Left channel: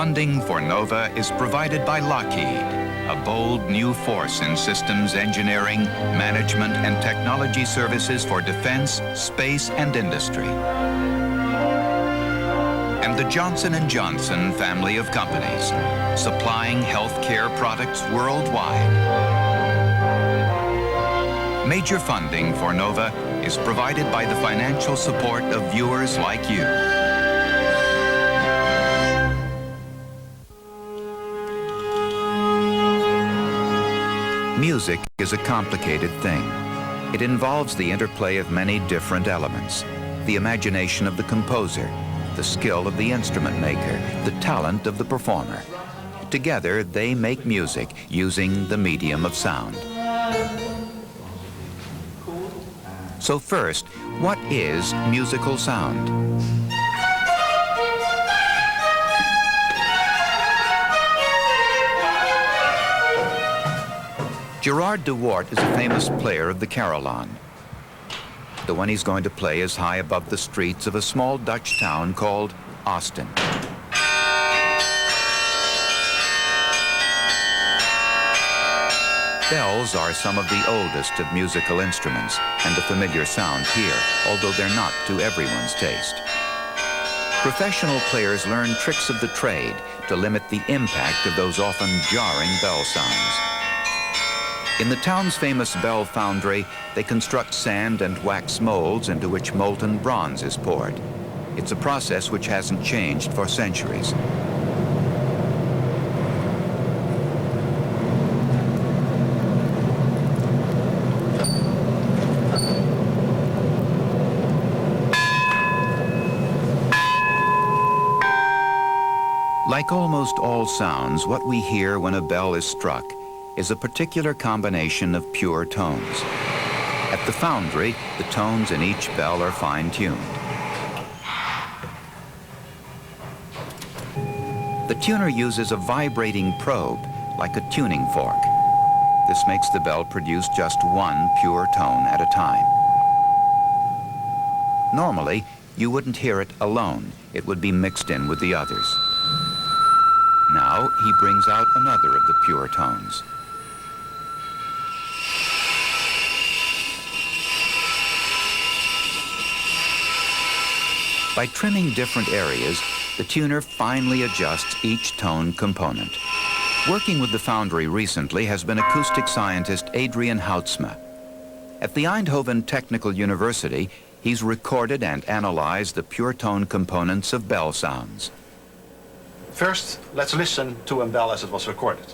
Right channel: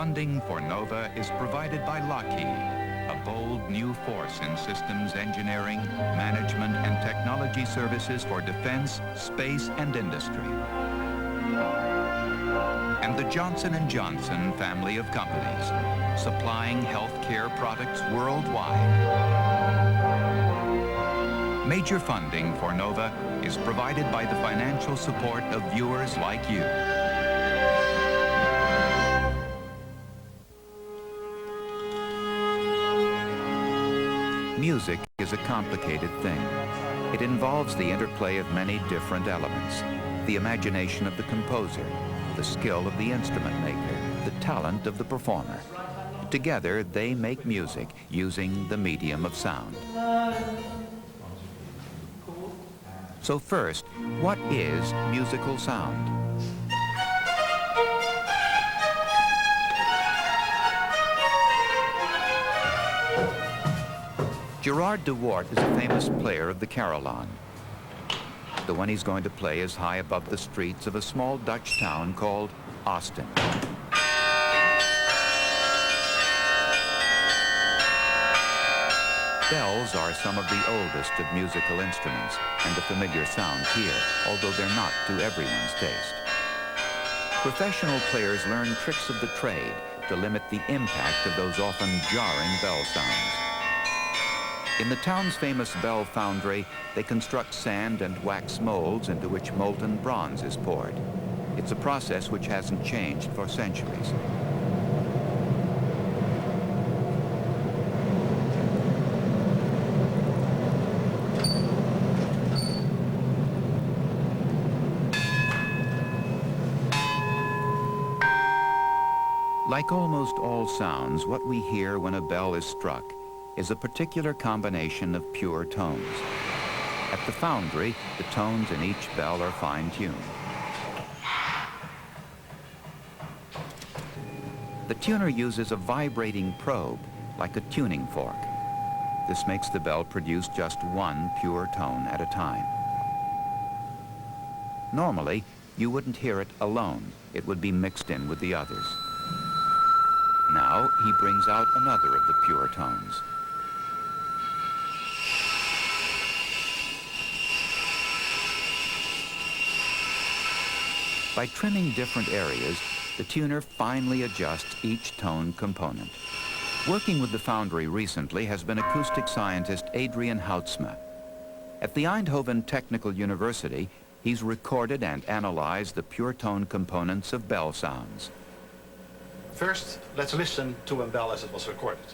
Funding for NOVA is provided by Lockheed, a bold new force in systems engineering, management, and technology services for defense, space, and industry. And the Johnson & Johnson family of companies, supplying healthcare products worldwide. Major funding for NOVA is provided by the financial support of viewers like you. Music is a complicated thing. It involves the interplay of many different elements, the imagination of the composer, the skill of the instrument maker, the talent of the performer. Together, they make music using the medium of sound. So first, what is musical sound? Gerard de Wart is a famous player of the carillon. The one he's going to play is high above the streets of a small Dutch town called Austin. Bells are some of the oldest of musical instruments and a familiar sound here, although they're not to everyone's taste. Professional players learn tricks of the trade to limit the impact of those often jarring bell sounds. In the town's famous bell foundry, they construct sand and wax molds into which molten bronze is poured. It's a process which hasn't changed for centuries. Like almost all sounds, what we hear when a bell is struck is a particular combination of pure tones. At the foundry, the tones in each bell are fine-tuned. The tuner uses a vibrating probe, like a tuning fork. This makes the bell produce just one pure tone at a time. Normally, you wouldn't hear it alone. It would be mixed in with the others. Now, he brings out another of the pure tones. By trimming different areas, the tuner finely adjusts each tone component. Working with the foundry recently has been acoustic scientist Adrian Houtsma. At the Eindhoven Technical University, he's recorded and analyzed the pure tone components of bell sounds. First, let's listen to a bell as it was recorded.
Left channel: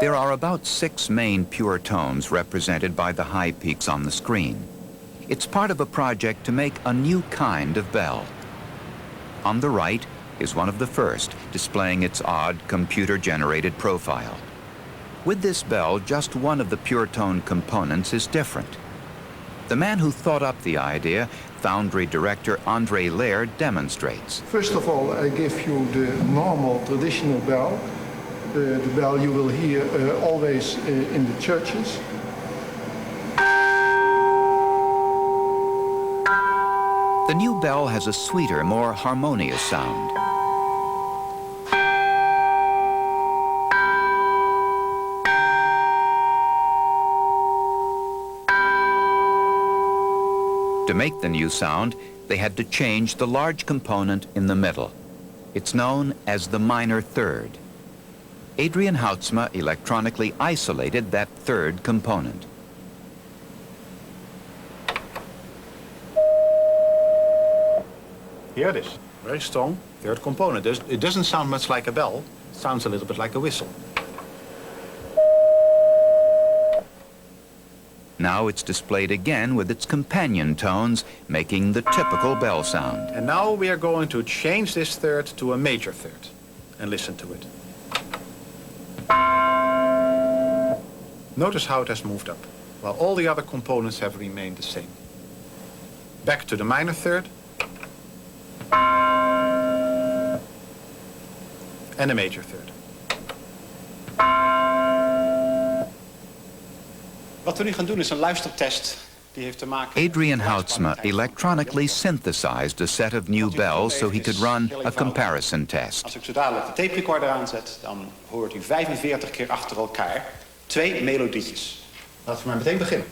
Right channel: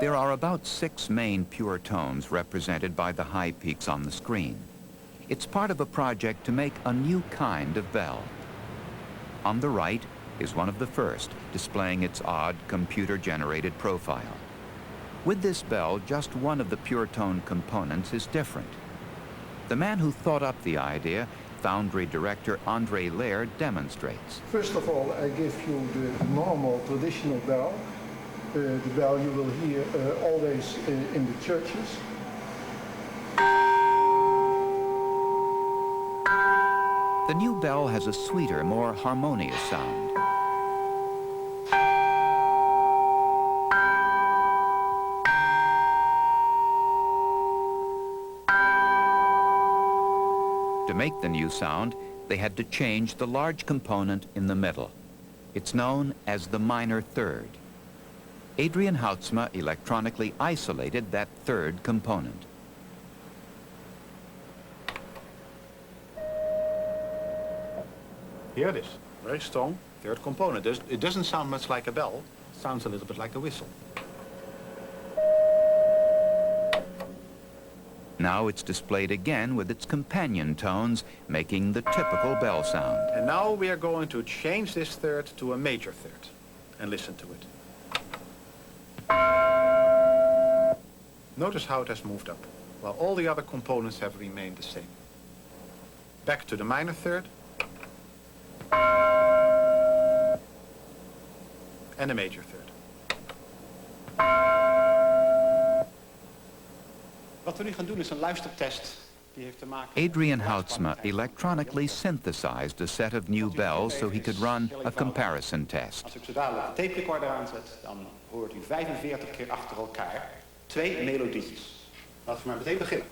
There are about 6 main pure tones represented by the high peaks on the screen. It's part of a project to make a new kind of bell. On the right is one of the first, displaying its odd computer-generated profile. With this bell, just one of the pure tone components is different. The man who thought up the idea, foundry director André Lehr, demonstrates. First of all, I give you the normal traditional bell, the bell you will hear always in the churches. The new bell has a sweeter, more harmonious sound. To make the new sound, they had to change the large component in the middle. It's known as the minor third. Adrian Houtsma electronically isolated that third component. Here it is. Very strong third component. It doesn't sound much like a bell. It sounds a little bit like a whistle. Now it's displayed again with its companion tones, making the typical bell sound. And now we are going to change this third to a major third. And listen to it. Notice how it has moved up, while all the other components have remained the same. Back to the minor third. And a major third. Wat we nu gaan doen is een luistertest Adrian Houtsma electronically synthesized a set of new bells so he could run a comparison test. Als ik zo dadelijk de tape recorder aanzet, dan hoort u 45 keer achter elkaar 2 melodietjes. Laten we maar meteen beginnen.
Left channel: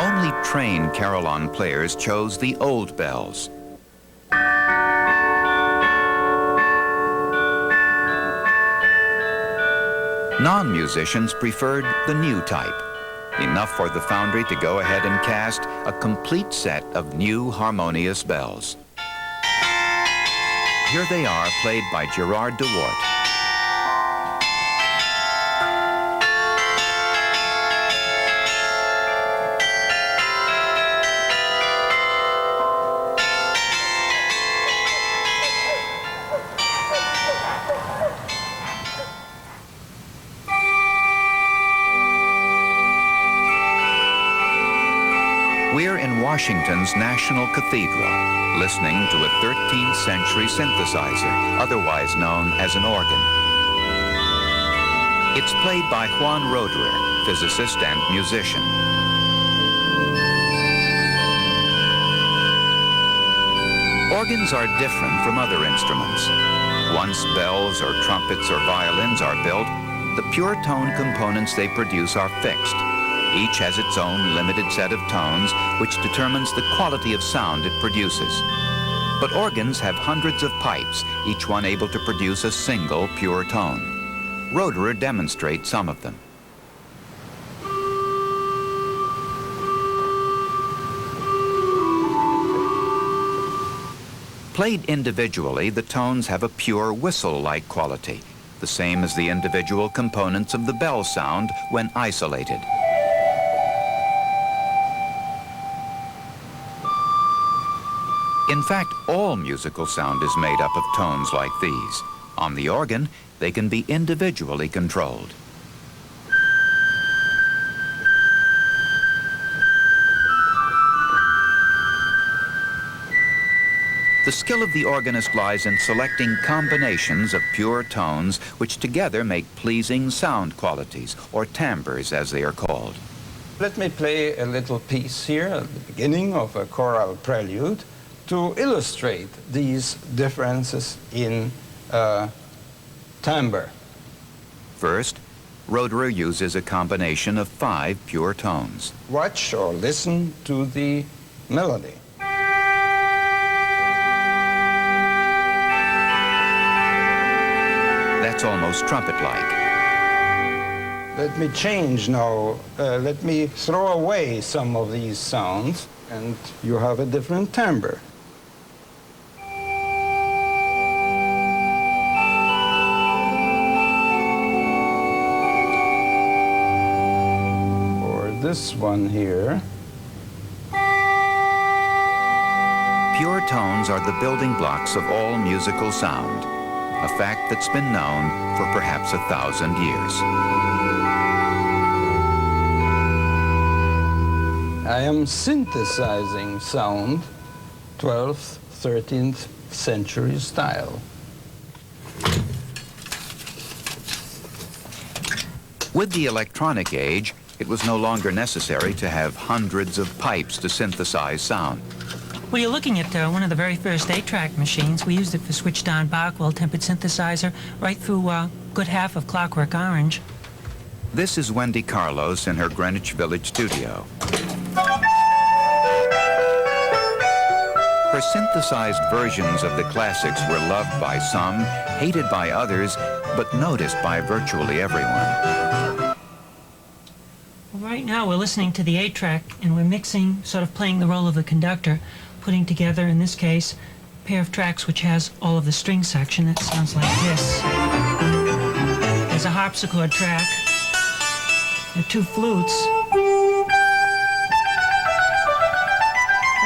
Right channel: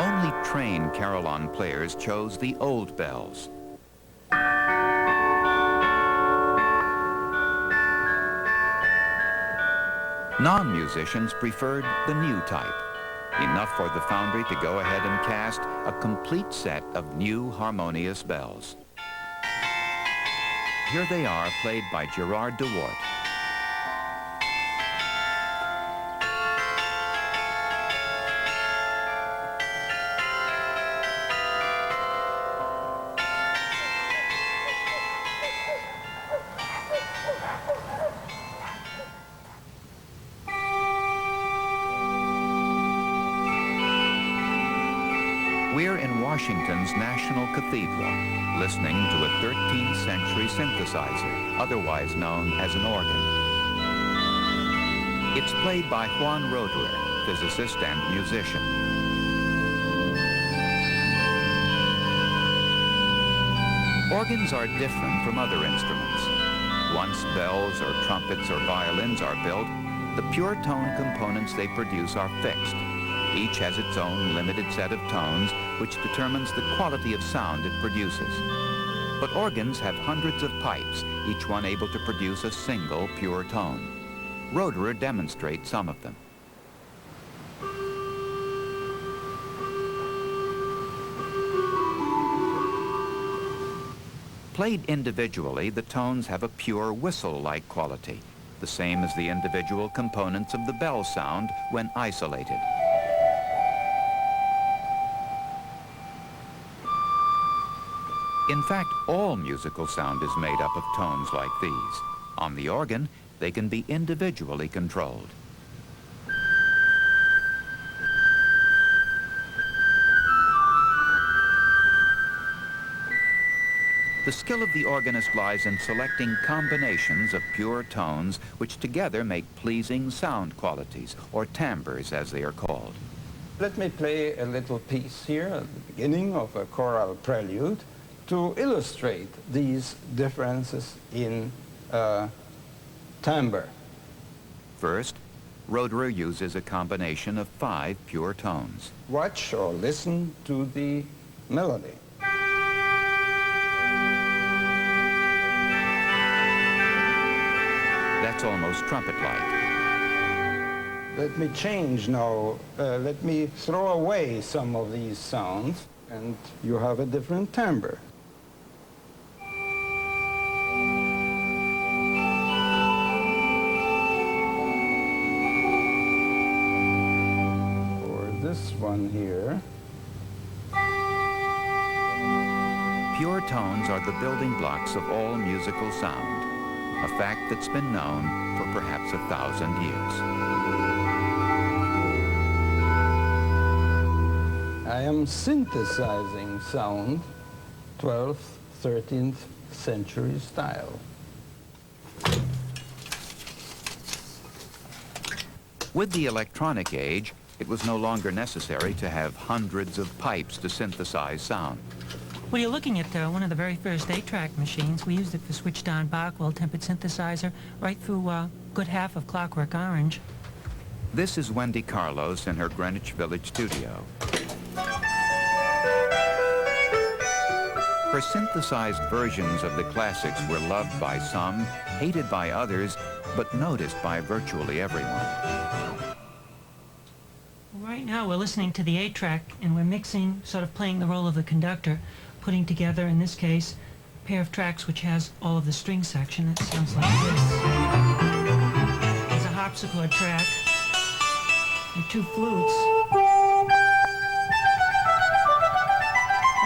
Only trained carillon players chose the old bells. Non-musicians preferred the new type, enough for the foundry to go ahead and cast a complete set of new harmonious bells. Here they are, played by Gerard de Wart. We're in Washington's National Cathedral, listening to a 13th century synthesizer, otherwise known as an organ. It's played by Juan Roederer, physicist and musician. Organs are different from other instruments. Once bells or trumpets or violins are built, the pure tone components they produce are fixed. Each has its own limited set of tones, which determines the quality of sound it produces. But organs have hundreds of pipes, each one able to produce a single pure tone. Roederer demonstrates some of them. Played individually, the tones have a pure whistle-like quality, the same as the individual components of the bell sound when isolated. In fact, all musical sound is made up of tones like these. On the organ, they can be individually controlled. The skill of the organist lies in selecting combinations of pure tones which together make pleasing sound qualities, or timbres as they are called. Let me play a little piece here at the beginning of a choral prelude to illustrate these differences in timbre. First, Roederer uses a combination of 5 pure tones. Watch or listen to the melody. That's almost trumpet-like. Let me change now. Let me throw away some of these sounds, and you have a different timbre. This one here. Pure tones are the building blocks of all musical sound, a fact that's been known for perhaps 1,000 years. I am synthesizing sound, 12th, 13th century style. With the electronic age, it was no longer necessary to have hundreds of pipes to synthesize sound. Well, you're looking at one of the very first 8-track machines. We used it for switched-on Barkwell tempered synthesizer right through a good half of Clockwork Orange. This is Wendy Carlos in her Greenwich Village studio. Her synthesized versions of the classics were loved by some, hated by others, but noticed by virtually everyone. Right now we're listening to the 8-track and we're mixing, sort of playing the role of the conductor, putting together, in this case, a pair of tracks which has all of the string section. That sounds like this. There's a harpsichord track. There are 2 flutes.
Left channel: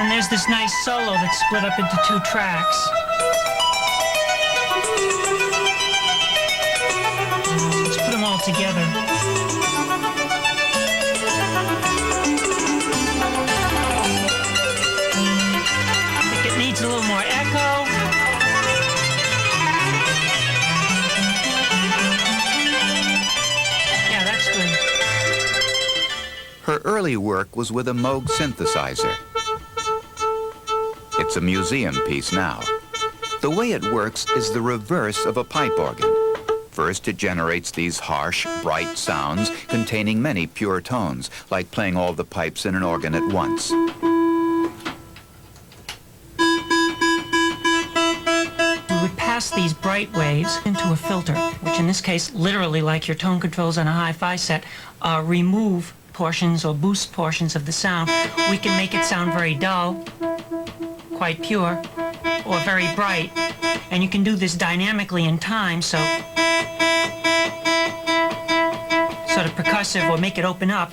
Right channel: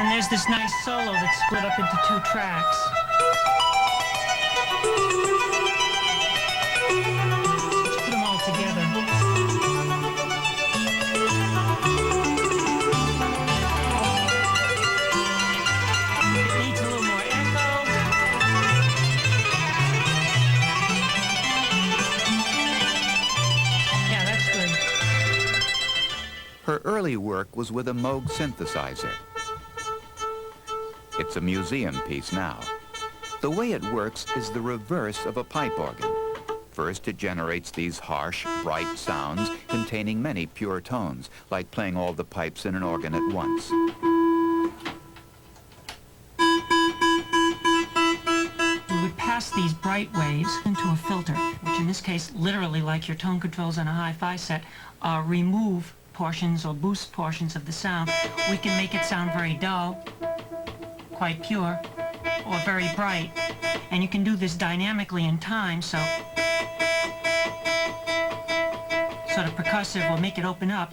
And there's this nice solo that's split up into 2 tracks. Let's put them all together. needs a little more echo. Yeah, that's good. Her early work was with a Moog synthesizer. It's a museum piece now. The way it works is the reverse of a pipe organ. First, it generates these harsh, bright sounds containing many pure tones, like playing all the pipes in an organ at once. We would pass these bright waves into a filter, which in this case, literally like your tone controls on a hi-fi set, remove portions or boost portions of the sound. We can make it sound very dull, quite pure, or very bright. And you can do this dynamically in time, so sort of percussive, or make it open up,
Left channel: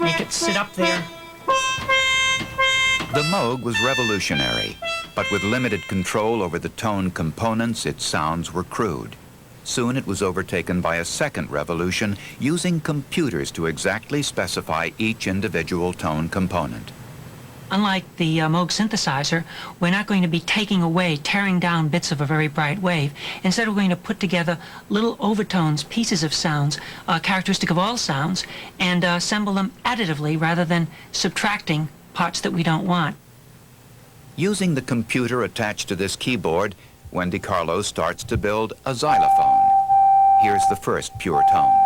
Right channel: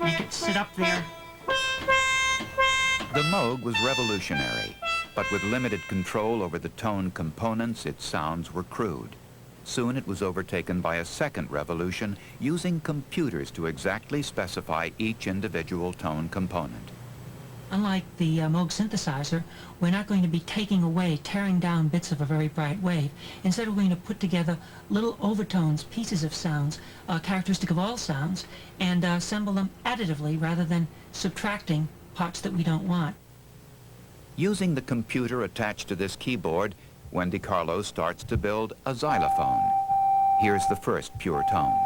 make it sit up there. The Moog was revolutionary, but with limited control over the tone components, its sounds were crude. Soon it was overtaken by a second revolution, using computers to exactly specify each individual tone component. Unlike the Moog synthesizer, we're not going to be taking away, tearing down bits of a very bright wave. Instead, we're going to put together little overtones, pieces of sounds, characteristic of all sounds, and assemble them additively rather than subtracting parts that we don't want. Using the computer attached to this keyboard, Wendy Carlo starts to build a xylophone. Here's the first pure tone.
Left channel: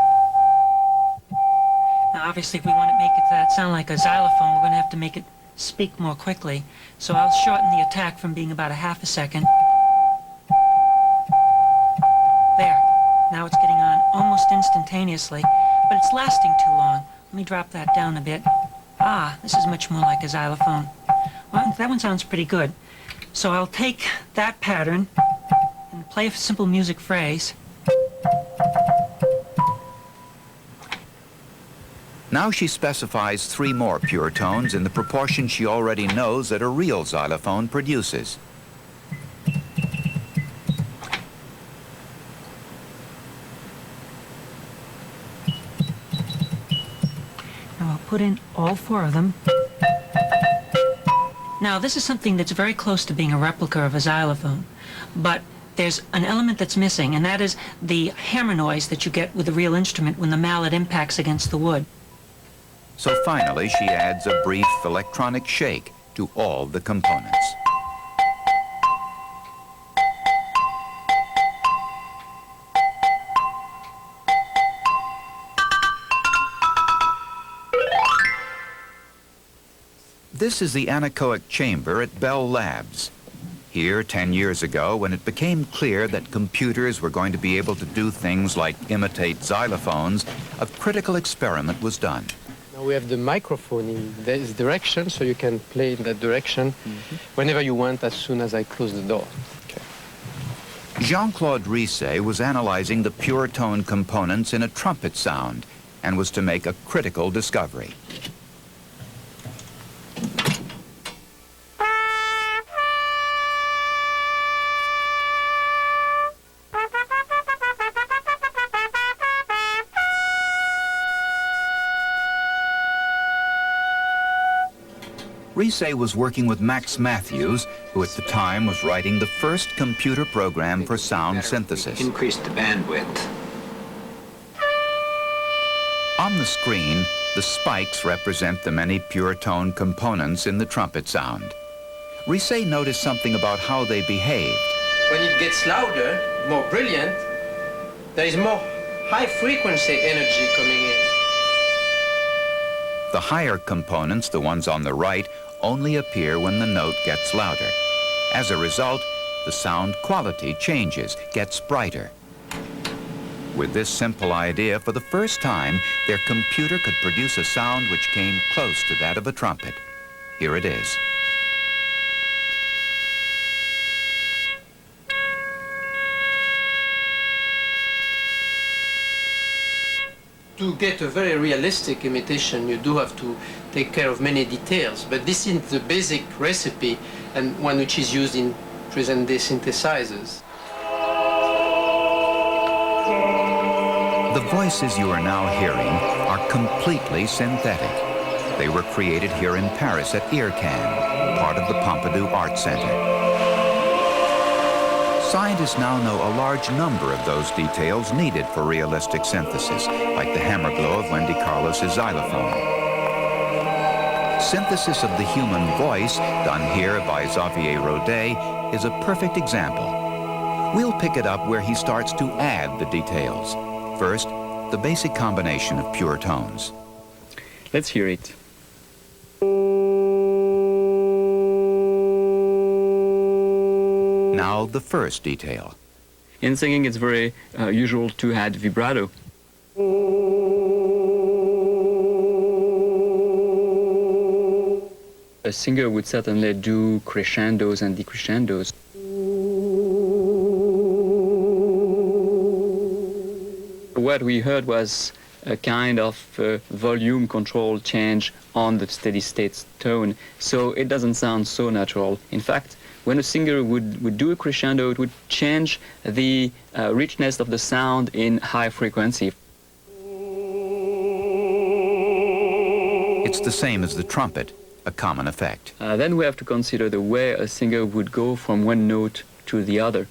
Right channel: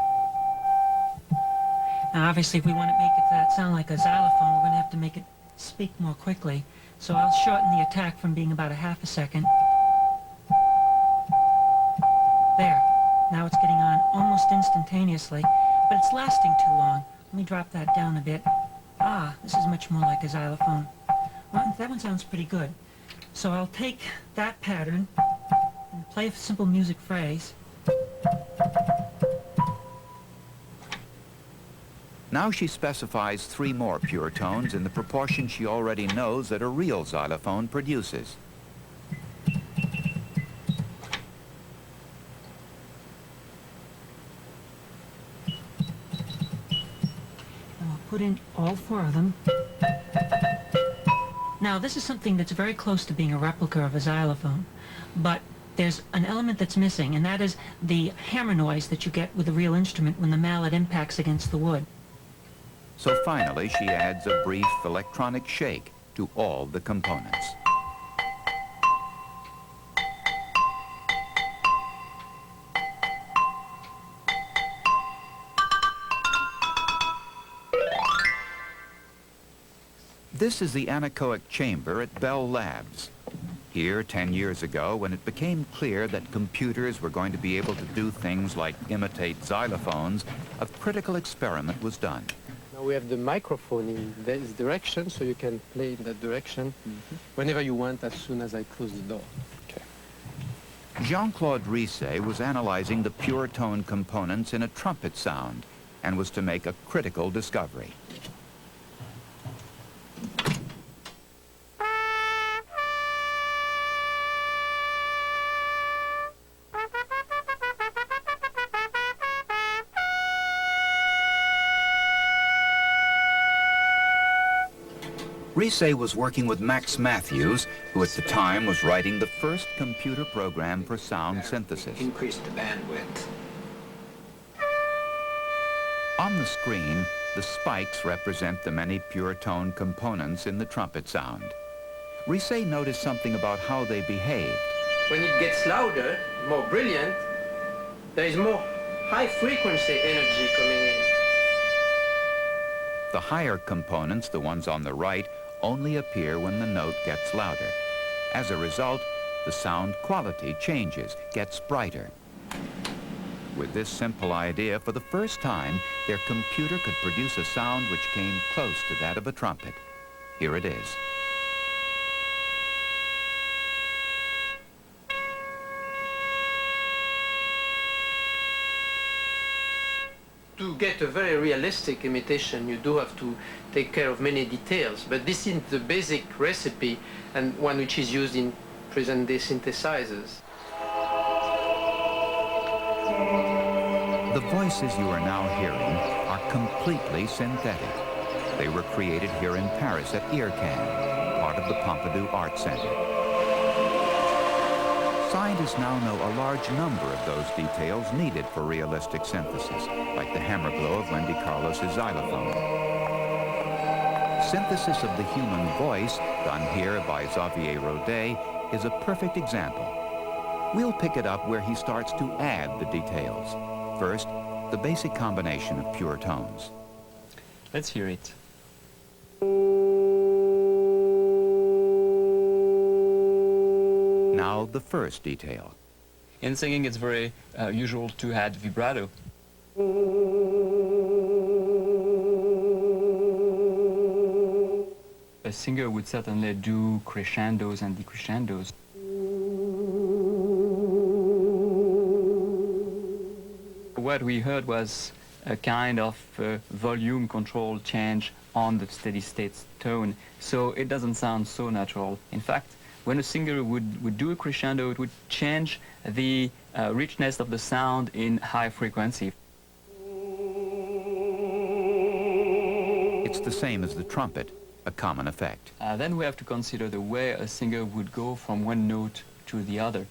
Now, obviously, if we want to make that sound like a xylophone, we're going to have to make it speak more quickly. So I'll shorten the attack from being about a half a second. There. Now it's getting on almost instantaneously, but it's lasting too long. Let me drop that down a bit. Ah, this is much more like a xylophone. Well, that one sounds pretty good. So I'll take that pattern and play a simple music phrase. Now she specifies 3 more pure tones in the proportion she already knows that a real xylophone produces. Now I'll put in all 4 of them. Now this is something that's very close to being a replica of a xylophone, but there's an element that's missing, and that is the hammer noise that you get with a real instrument when the mallet impacts against the wood. So finally, she adds a brief electronic shake to all the components. This is the anechoic chamber at Bell Labs. Here, 10 years ago, when it became clear that computers were going to be able to do things like imitate xylophones, a critical experiment was done. Now we have the microphone in this direction, so you can play in that direction whenever you want, as soon as I close the door. Okay. Jean-Claude Risset was analyzing the pure tone components in a trumpet sound and was to make a critical discovery. Risset was working with Max Matthews, who at the time was writing the first computer program for sound synthesis. Increase the bandwidth. On the screen, the spikes represent the many pure tone components in the trumpet sound. Risset noticed something about how they behaved. When it gets louder, more brilliant, there is more high-frequency energy coming in. The higher components, the ones on the right, only appear when the note gets louder. As a result, the sound quality changes, gets brighter. With this simple idea, for the first time, their computer could produce a sound which came close to that of a trumpet. Here it is. To get a very realistic imitation, you do have to take care of many details, but this is the basic recipe and one which is used in present-day synthesizers. The voices you are now hearing are completely synthetic. They were created here in Paris at IRCAN. part of the Pompidou Art Center. Scientists now know a large number of those details needed for realistic synthesis, like the hammer glow of Wendy Carlos's xylophone. Synthesis of the human voice, done here by Xavier Rodet, is a perfect example. We'll pick it up where he starts to add the details. First, the basic combination of pure tones. Let's hear it. Now the first detail. In singing, it's very usual to add vibrato. A singer would certainly do crescendos and decrescendos. What we heard was a kind of volume control change on the steady state tone, so it doesn't sound so natural. In fact, when a singer would do a crescendo, it would change the richness of the sound in high frequency. It's the same as the trumpet, a common effect. Then we have to consider the way a singer would go from one note to the other.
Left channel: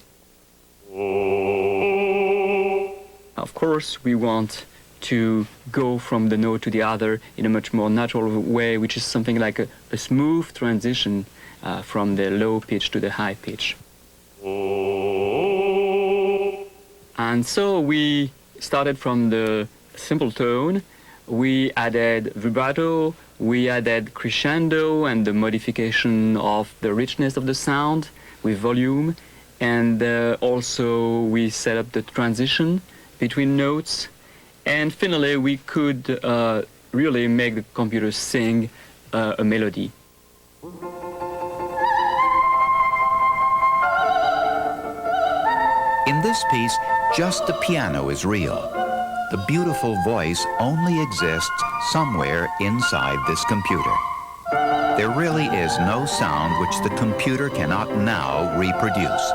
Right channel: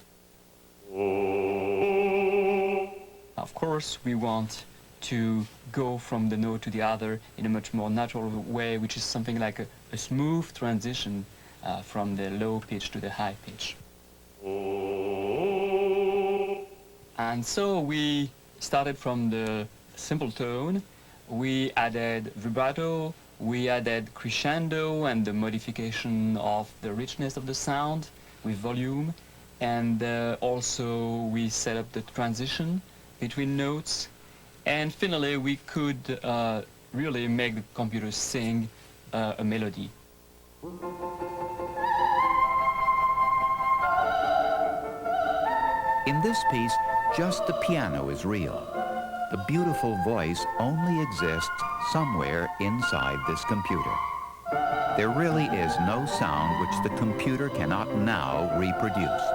Of course, we want to go from the note to the other in a much more natural way, which is something like a smooth transition from the low pitch to the high pitch. And so we started from the simple tone. We added vibrato, we added crescendo and the modification of the richness of the sound with volume, and also we set up the transition between notes, and finally we could really make the computer sing a melody. In this piece, just the piano is real. The beautiful voice only exists somewhere inside this computer. There really is no sound which the computer cannot now reproduce.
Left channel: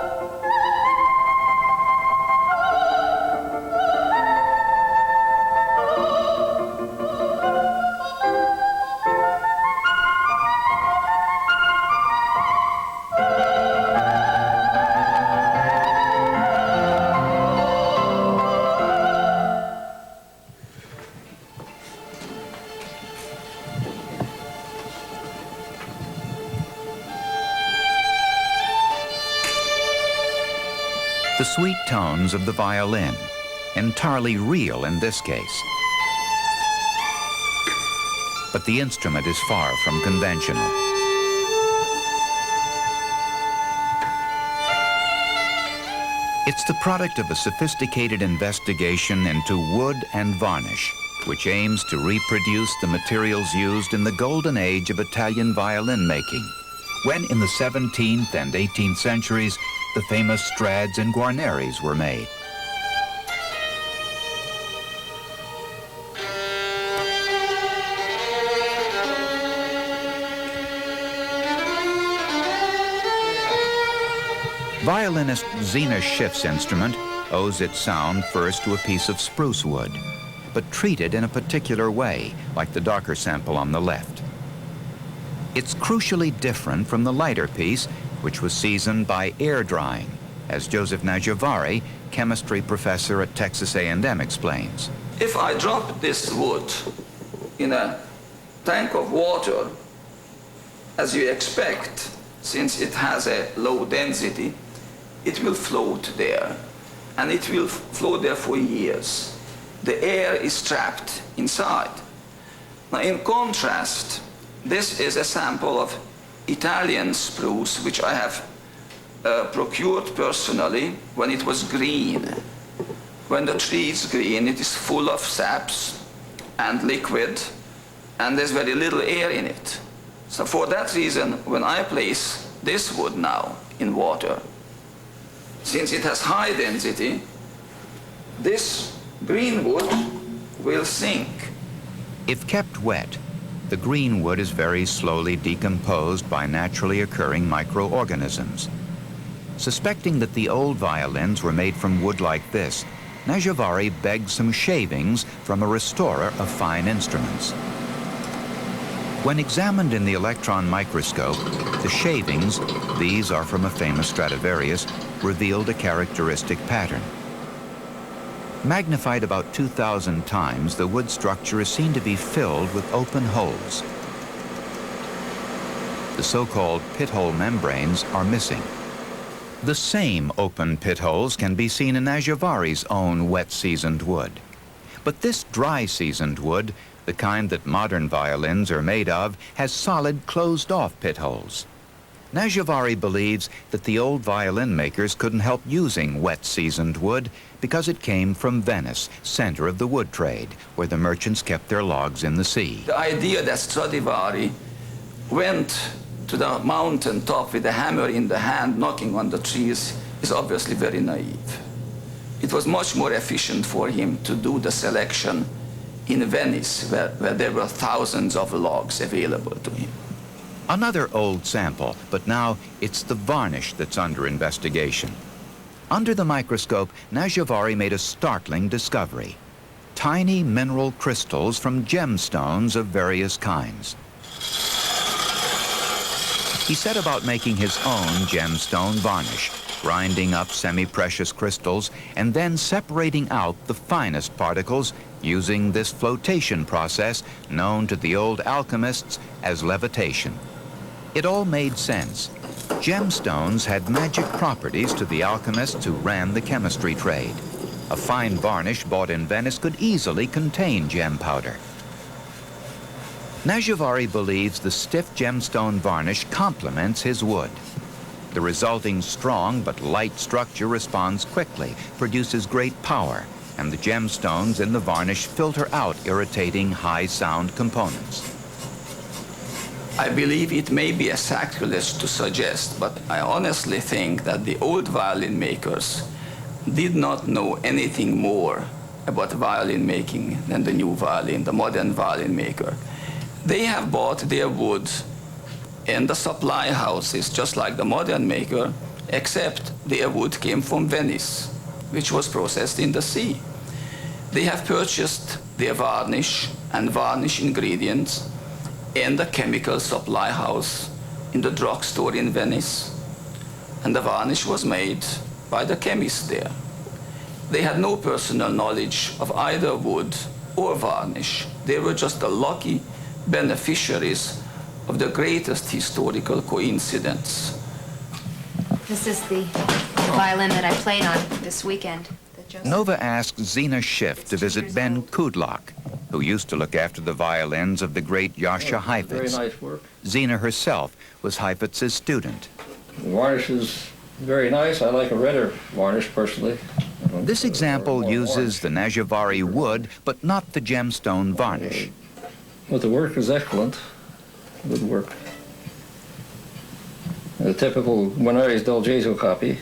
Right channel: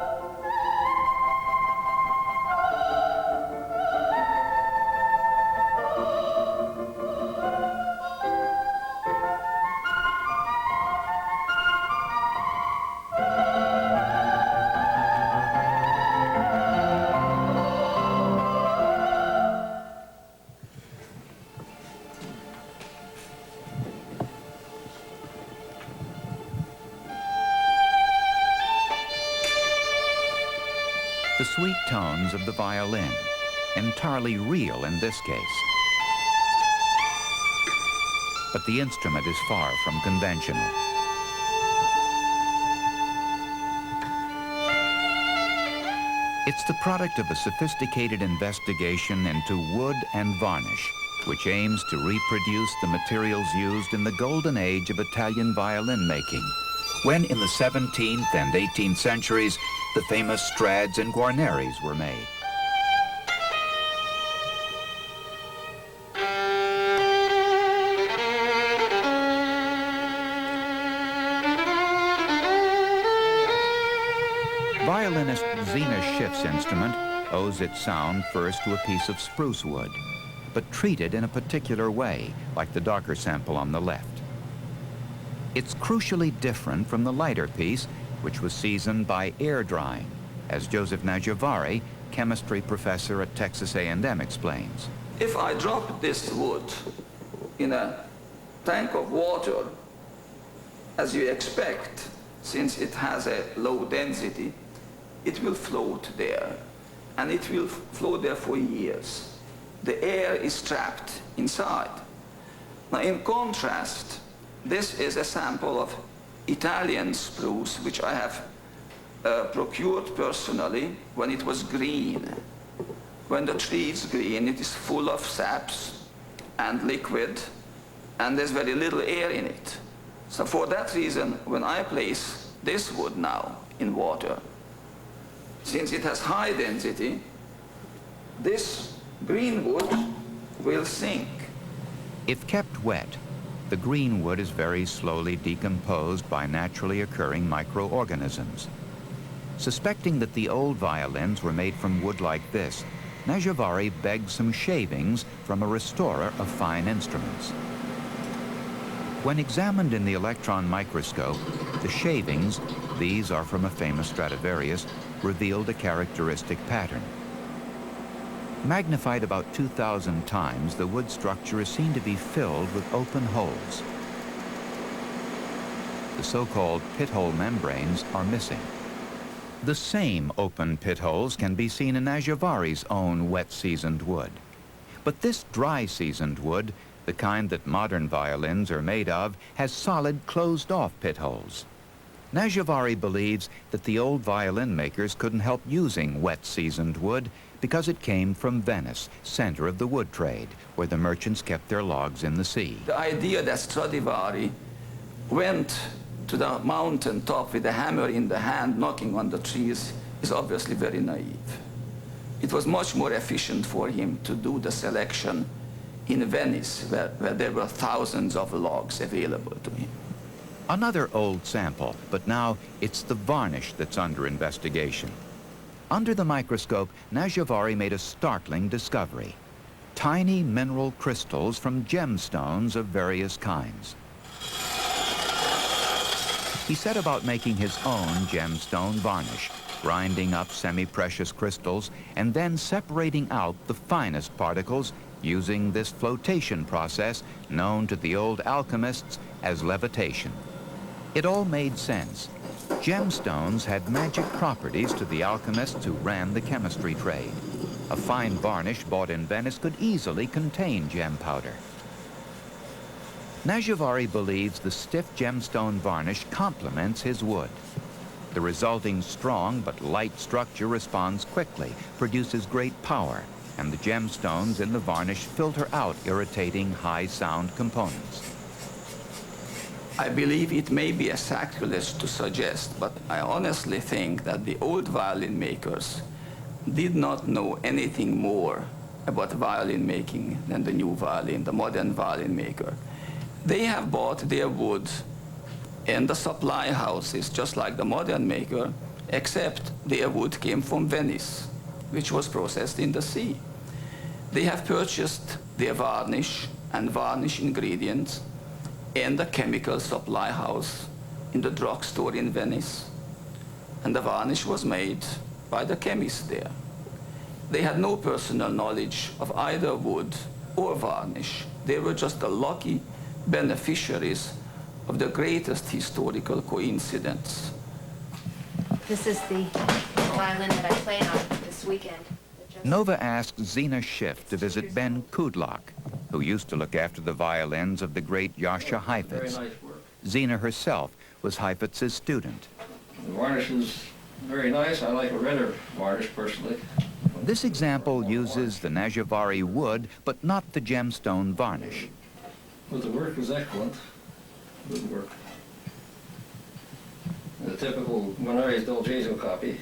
The sweet tones of the violin, entirely real in this case. But the instrument is far from conventional. It's the product of a sophisticated investigation into wood and varnish, which aims to reproduce the materials used in the golden age of Italian violin making, when in the 17th and 18th centuries, the famous Strads and Guarneris were made. Violinist Zena Schiff's instrument owes its sound first to a piece of spruce wood, but treated in a particular way, like the darker sample on the left. It's crucially different from the lighter piece, which was seasoned by air drying, as Joseph Najavary, chemistry professor at Texas A&M, explains. If I drop this wood in a tank of water, as you expect, since it has a low density, it will float there, and it will float there for years. The air is trapped inside. Now, in contrast, this is a sample of Italian spruce, which I have procured personally when it was green. When the tree is green, it is full of saps and liquid, and there's very little air in it. So for that reason, when I place this wood now in water, since it has high density, this green wood will sink. If kept wet, the green wood is very slowly decomposed by naturally occurring microorganisms. Suspecting that the old violins were made from wood like this, Najavary begged some shavings from a restorer of fine instruments. When examined in the electron microscope, the shavings, these are from a famous Stradivarius, revealed a characteristic pattern. Magnified about 2,000 times, the wood structure is seen to be filled with open holes. The so-called pit-hole membranes are missing. The same open pit holes can be seen in Najavari's own wet-seasoned wood. But this dry-seasoned wood, the kind that modern violins are made of, has solid, closed-off pit holes. Najavari believes that the old violin makers couldn't help using wet-seasoned wood because it came from Venice, center of the wood trade, where the merchants kept their logs in the sea. The idea that Stradivari went to the mountain top with a hammer in the hand knocking on the trees is obviously very naive. It was much more efficient for him to do the selection in Venice, where there were thousands of logs available to him. Another old sample, but now it's the varnish that's under investigation. Under the microscope, Najavari made a startling discovery: tiny mineral crystals from gemstones of various kinds. He set about making his own gemstone varnish, grinding up semi-precious crystals and then separating out the finest particles using this flotation process known to the old alchemists as levitation. It all made sense. Gemstones had magic properties to the alchemists who ran the chemistry trade. A fine varnish bought in Venice could easily contain gem powder. Najavari believes the stiff gemstone varnish complements his wood. The resulting strong but light structure responds quickly, produces great power, and the gemstones in the varnish filter out irritating high-sound components. I believe it may be a sacrilege to suggest, but I honestly think that the old violin makers did not know anything more about violin making than the new violin, the modern violin maker. They have bought their wood in the supply houses, just like the modern maker, except their wood came from Venice, which was processed in the sea. They have purchased their varnish and varnish ingredients in the chemical supply house in the drugstore in Venice, and the varnish was made by the chemist there. They had no personal knowledge of either wood or varnish. They were just the lucky beneficiaries of the greatest historical coincidence. This is the violin that I played on this weekend. Nova asked Zina Schiff to visit Ben Kudlak, who used to look after the violins of the great Jascha Heifetz. Very nice work. Zina herself was Heifetz's student. The varnish is very nice. I like a redder varnish personally. This example uses the Najavari wood, but not the gemstone varnish. But the work is excellent. Good work. A typical Guarneri's del Gesù copy.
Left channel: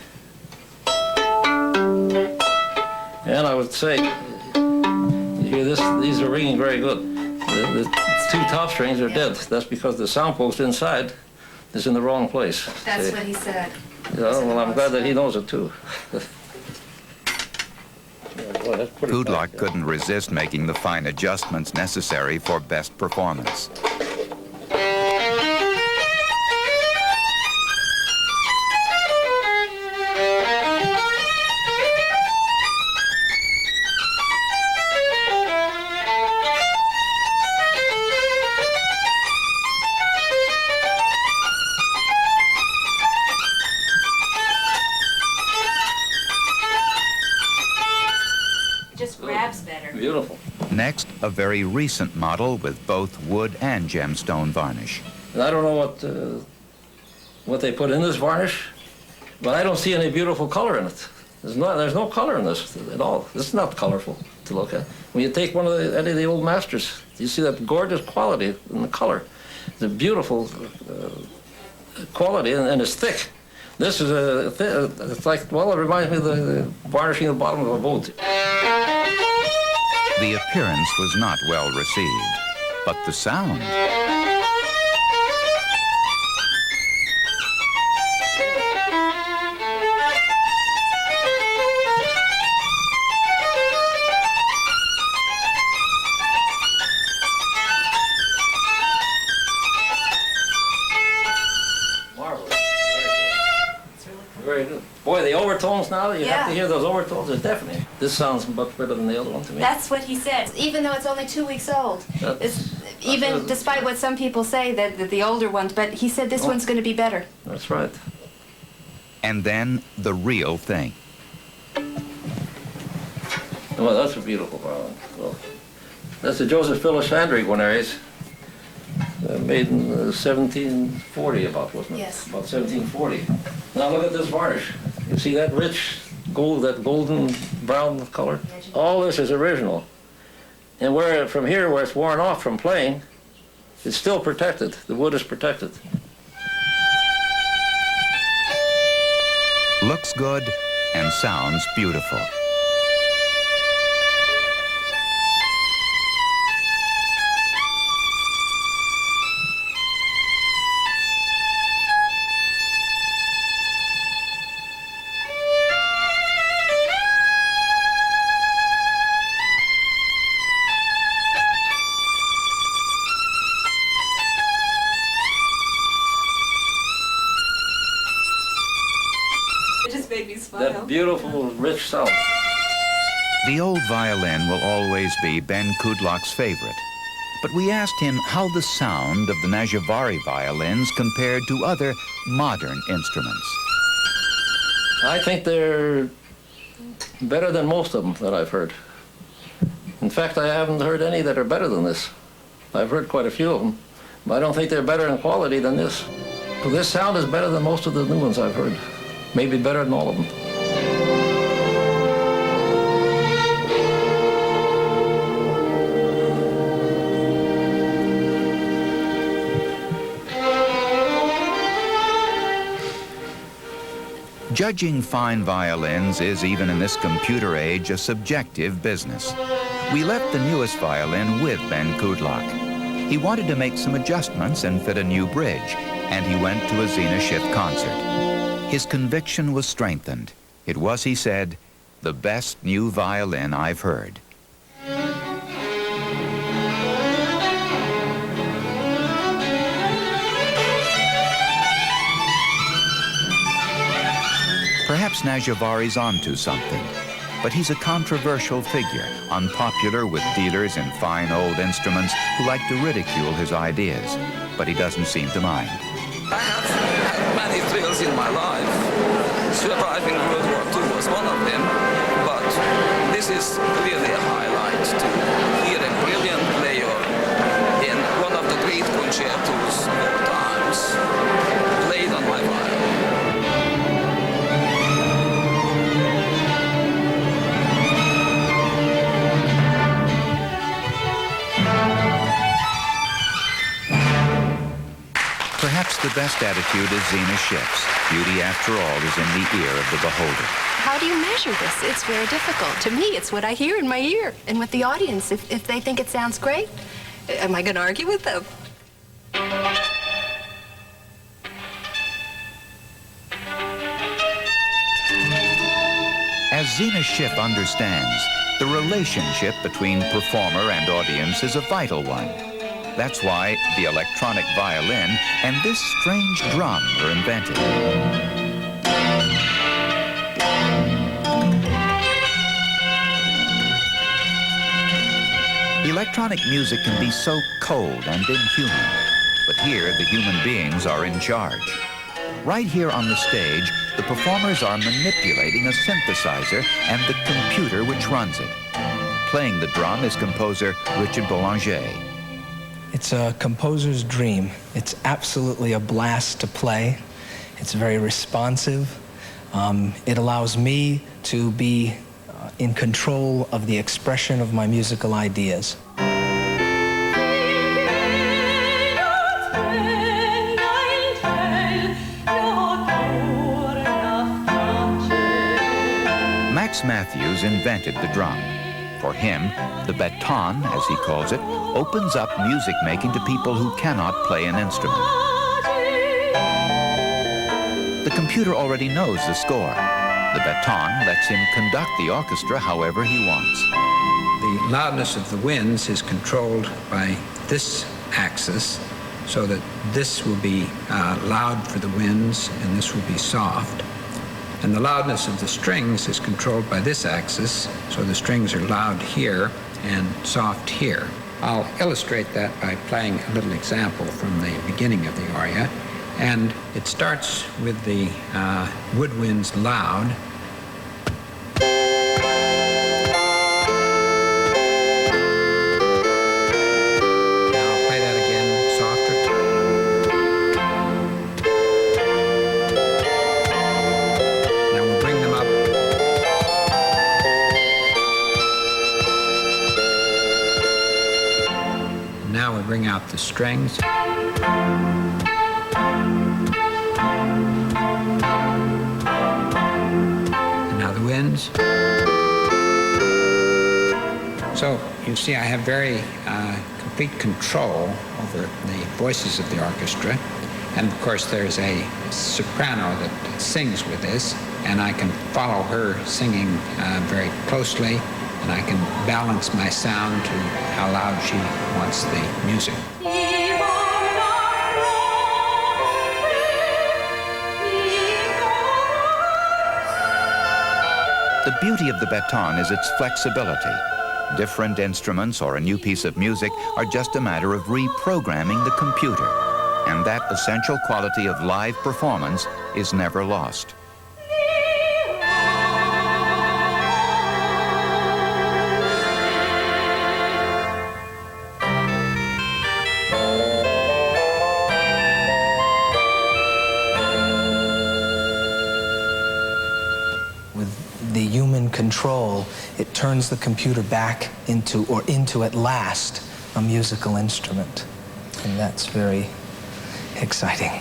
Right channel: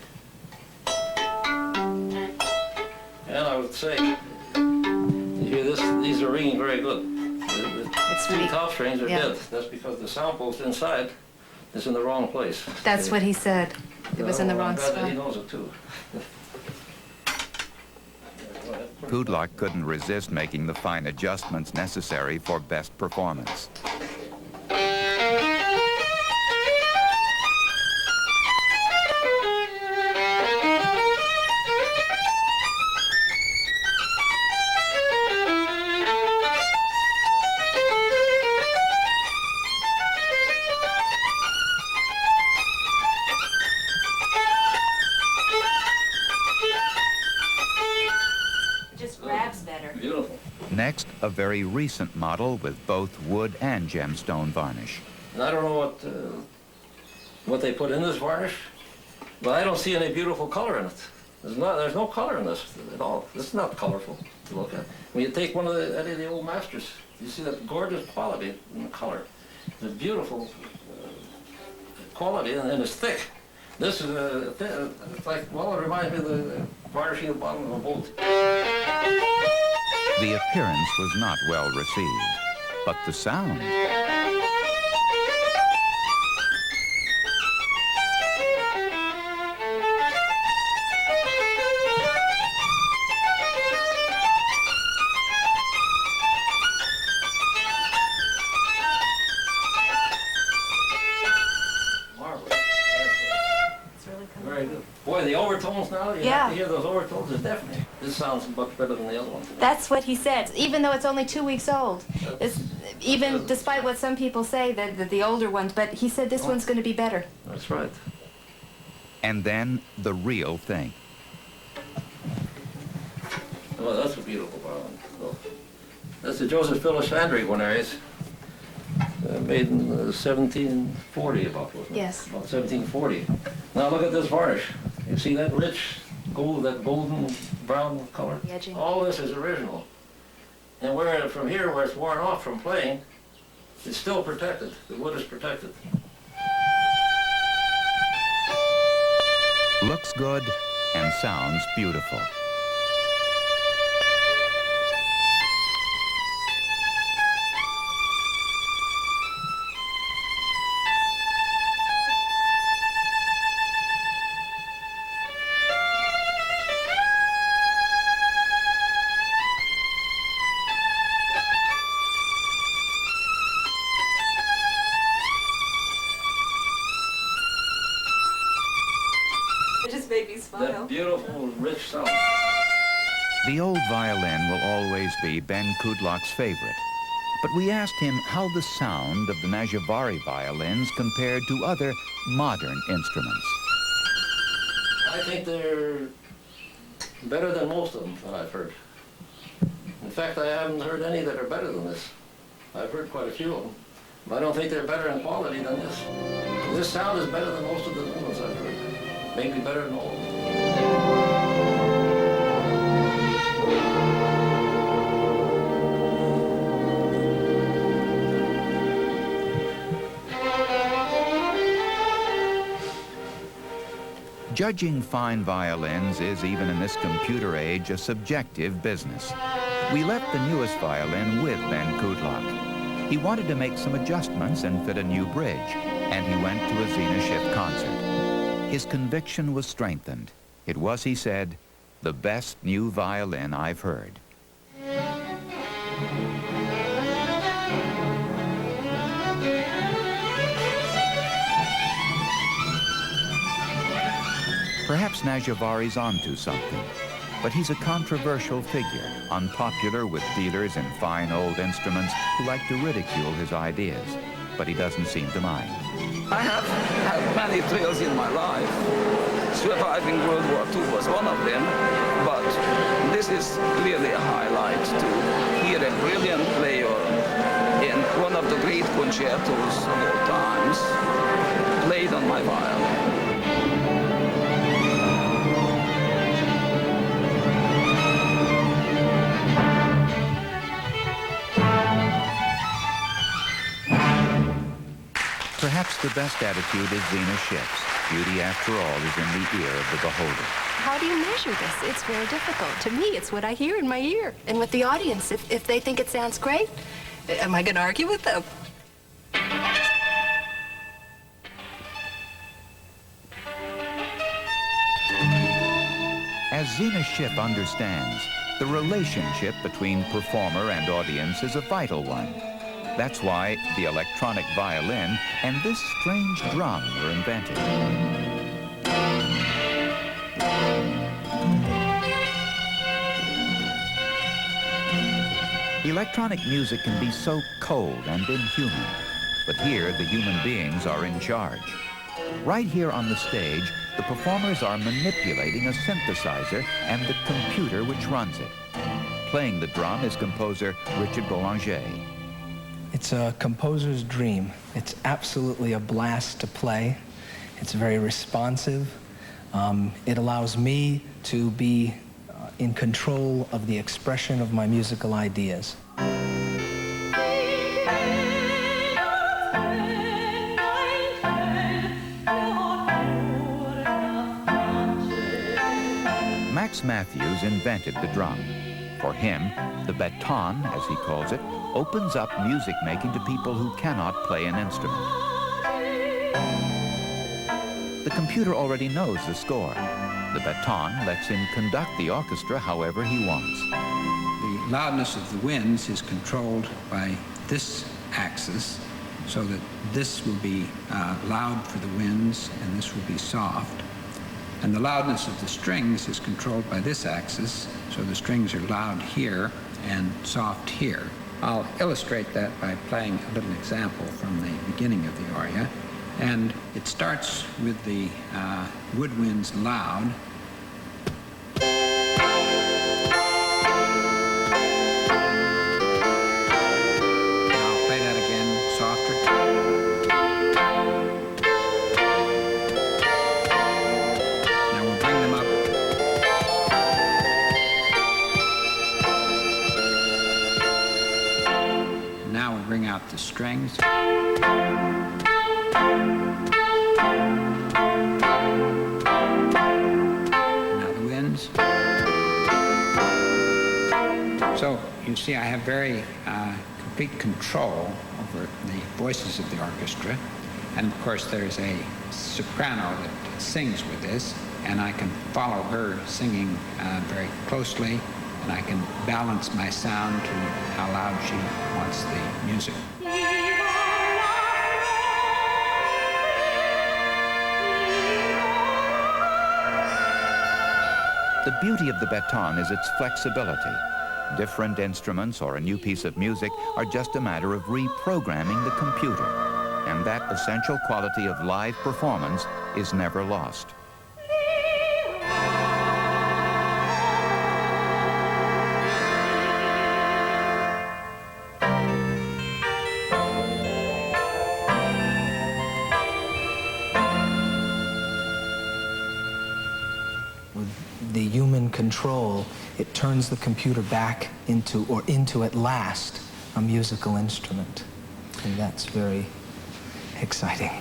And I would say, you hear this, these are ringing very good. The two top strings are dead. That's because the sound post inside is in the wrong place. That's what he said. Yeah, well, I'm glad that he knows it too. Kudlak couldn't resist making the fine adjustments necessary for best performance. Beautiful. Next, a very recent model with both wood and gemstone varnish. And I don't know what they put in this varnish, but I don't see any beautiful color in it. There's no color in this at all. This is not colorful to look at. When you take any of the old masters, you see that gorgeous quality in the color. The beautiful quality, and it's thick. This is it's like, well, it reminds me of the varnishing the bottom of a boat. The appearance was not well received, but the sound. boy, the overtones now, you have to hear those overtones, they're deafening. This sounds much better than the other one to me. That's what he said, even though it's only 2 weeks old. Even despite what some people say, that the older ones, but he said this one's going to be better. That's right. And then the real thing. Well, that's a beautiful violin. Well, that's a Joseph Phyllis Fandry Guarnerius. Made in 1740 about, wasn't it? Yes. About 1740. Now look at this varnish. See that rich gold, that golden brown color? All this is original. And where from here, where it's worn off from playing, it's still protected. The wood is protected. Looks good and sounds beautiful. It just made me smile. That beautiful, rich sound. The old violin will always be Ben Kudlak's favorite. But we asked him how the sound of the Najavary violins compared to other modern instruments. I think they're better than most of them that I've heard. In fact, I haven't heard any that are better than this. I've heard quite a few of them, but I don't think they're better in quality than this. Well, this sound is better than most of the new ones I've heard. Maybe better than all of them. Judging fine violins is, even in this computer age, a subjective business. We left the newest violin with Ben Kudlak. He wanted to make some adjustments and fit a new bridge, and he went to a Zina Schiff concert. His conviction was strengthened. It was, he said, the best new violin I've heard. Perhaps Najavari's onto something, but he's a controversial figure, unpopular with dealers in fine old instruments who like to ridicule his ideas, but he doesn't seem to mind. I have had many thrills in my life. Surviving World War II was one of them, but this is clearly a highlight to hear a brilliant player in one of the great concertos of all times played on my violin. Perhaps the best attitude is Zina Schiff's. Beauty, after all, is in the ear of the beholder. How do you measure this? It's very difficult. To me, it's what I hear in my ear. And with the audience, if they think it sounds great, am I going to argue with them? As Zina Schiff understands, the relationship between performer and audience is a vital one. That's why the electronic violin and this strange drum were invented. Electronic music can be so cold and inhuman, but here the human beings are in charge. Right here on the stage, the performers are manipulating a synthesizer and the computer which runs it. Playing the drum is composer Richard Boulanger. It's a composer's dream. It's absolutely a blast to play. It's very responsive. It allows me to be in control of the expression of my musical ideas. Max Matthews invented the drum. For him, the baton, as he calls it, opens up music making to people who cannot play an instrument. The computer already knows the score. The baton lets him conduct the orchestra however he wants. The loudness of the winds is controlled by this axis, so that this will be loud for the winds and this will be soft. And the loudness of the strings is controlled by this axis, so the strings are loud here and soft here. I'll illustrate that by playing a little example from the beginning of the aria. And it starts with the woodwinds loud. Now I'll play that again, softer. Now we'll bring them up. And now we bring out the strings. And now the winds. So you see I have very complete control over the voices of the orchestra. And of course there's a soprano that sings with this, and I can follow her singing very closely, and I can balance my sound to how loud she wants the music. The beauty of the baton is its flexibility. Different instruments or a new piece of music are just a matter of reprogramming the computer, and that essential quality of live performance is never lost. The human control, it turns the computer back into at last, a musical instrument. And that's very exciting.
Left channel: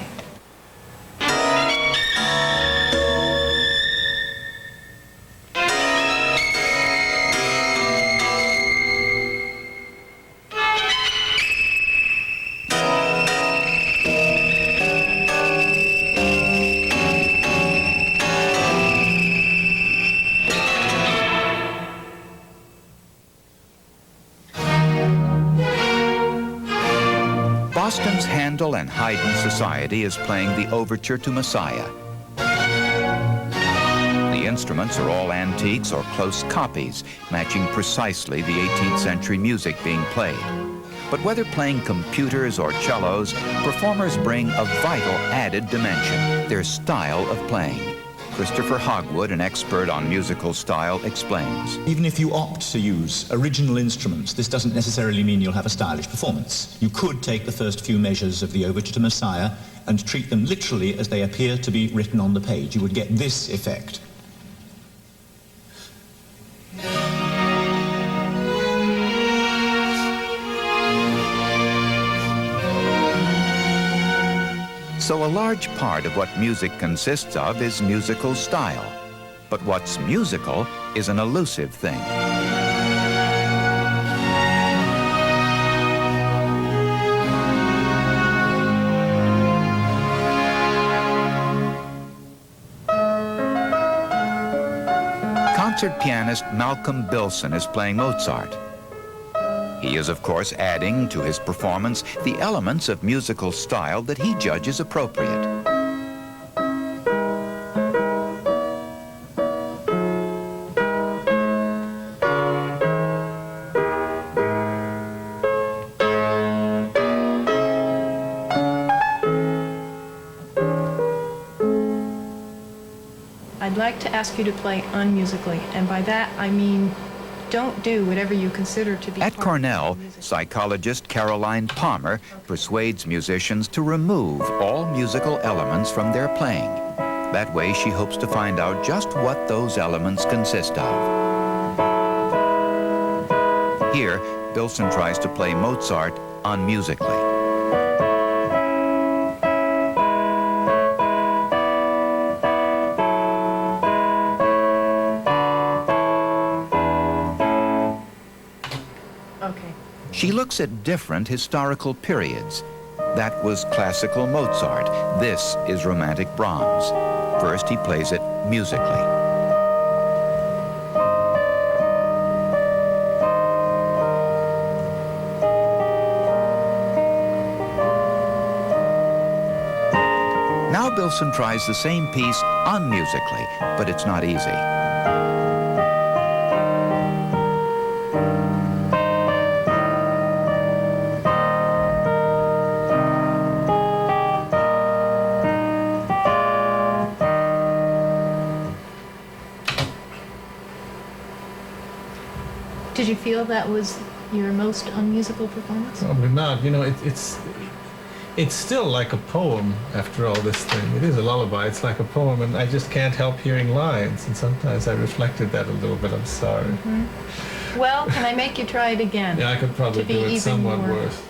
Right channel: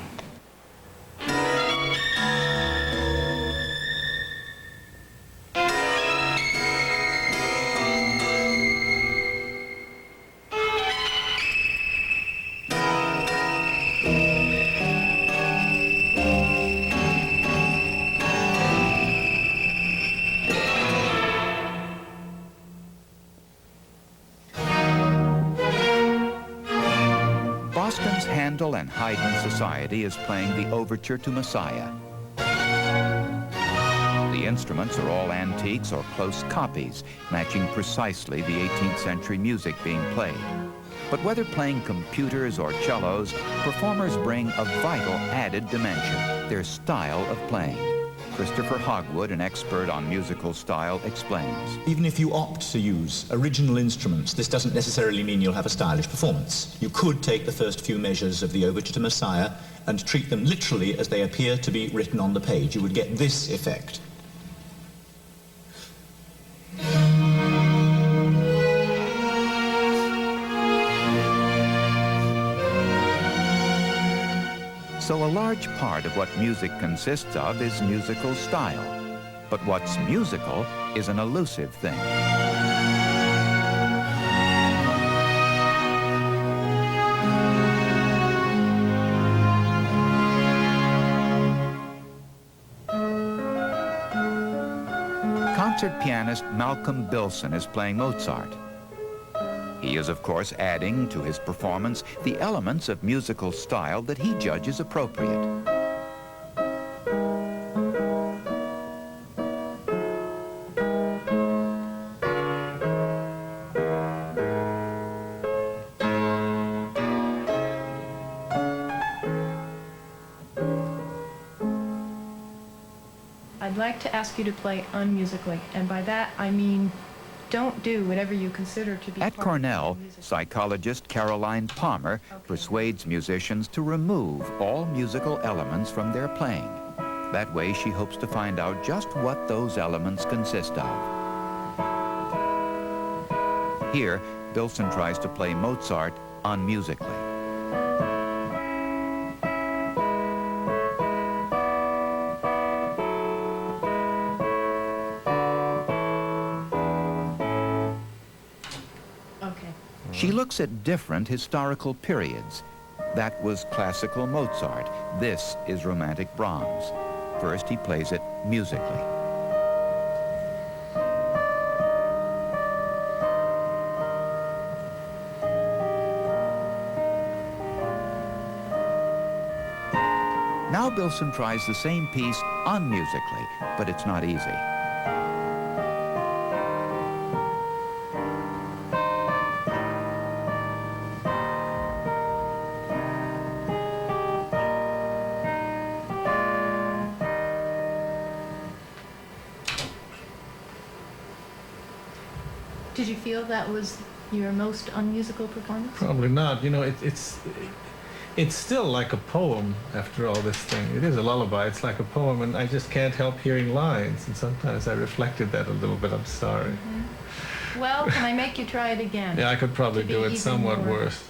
Boston's Handel and Haydn Society is playing the overture to Messiah. The instruments are all antiques or close copies, matching precisely the 18th century music being played. But whether playing computers or cellos, performers bring a vital added dimension, their style of playing. Christopher Hogwood, an expert on musical style, explains. Even if you opt to use original instruments, this doesn't necessarily mean you'll have a stylish performance. You could take the first few measures of the overture to Messiah and treat them literally as they appear to be written on the page. You would get this effect. So a large part of what music consists of is musical style. But what's musical is an elusive thing. Concert pianist Malcolm Bilson is playing Mozart. He is, of course, adding to his performance the elements of musical style that he judges appropriate. I'd like to ask you to play unmusically, and by that I mean don't do whatever you consider to be At Cornell, psychologist Caroline Palmer persuades musicians to remove all musical elements from their playing. That way, she hopes to find out just what those elements consist of. Here, Bilson tries to play Mozart unmusically. Okay. She looks at different historical periods. That was classical Mozart. This is romantic Brahms. First, he plays it musically. Now Bilson tries the same piece unmusically, but it's not easy. Did you feel that was your most unmusical performance? Probably not. You know, it's still like a poem after all this thing. It is a lullaby. It's like a poem, and I just can't help hearing lines. And sometimes I reflected that a little bit. I'm sorry. Mm-hmm. Well, can I make you try it again? Yeah, I could probably do it somewhat worse.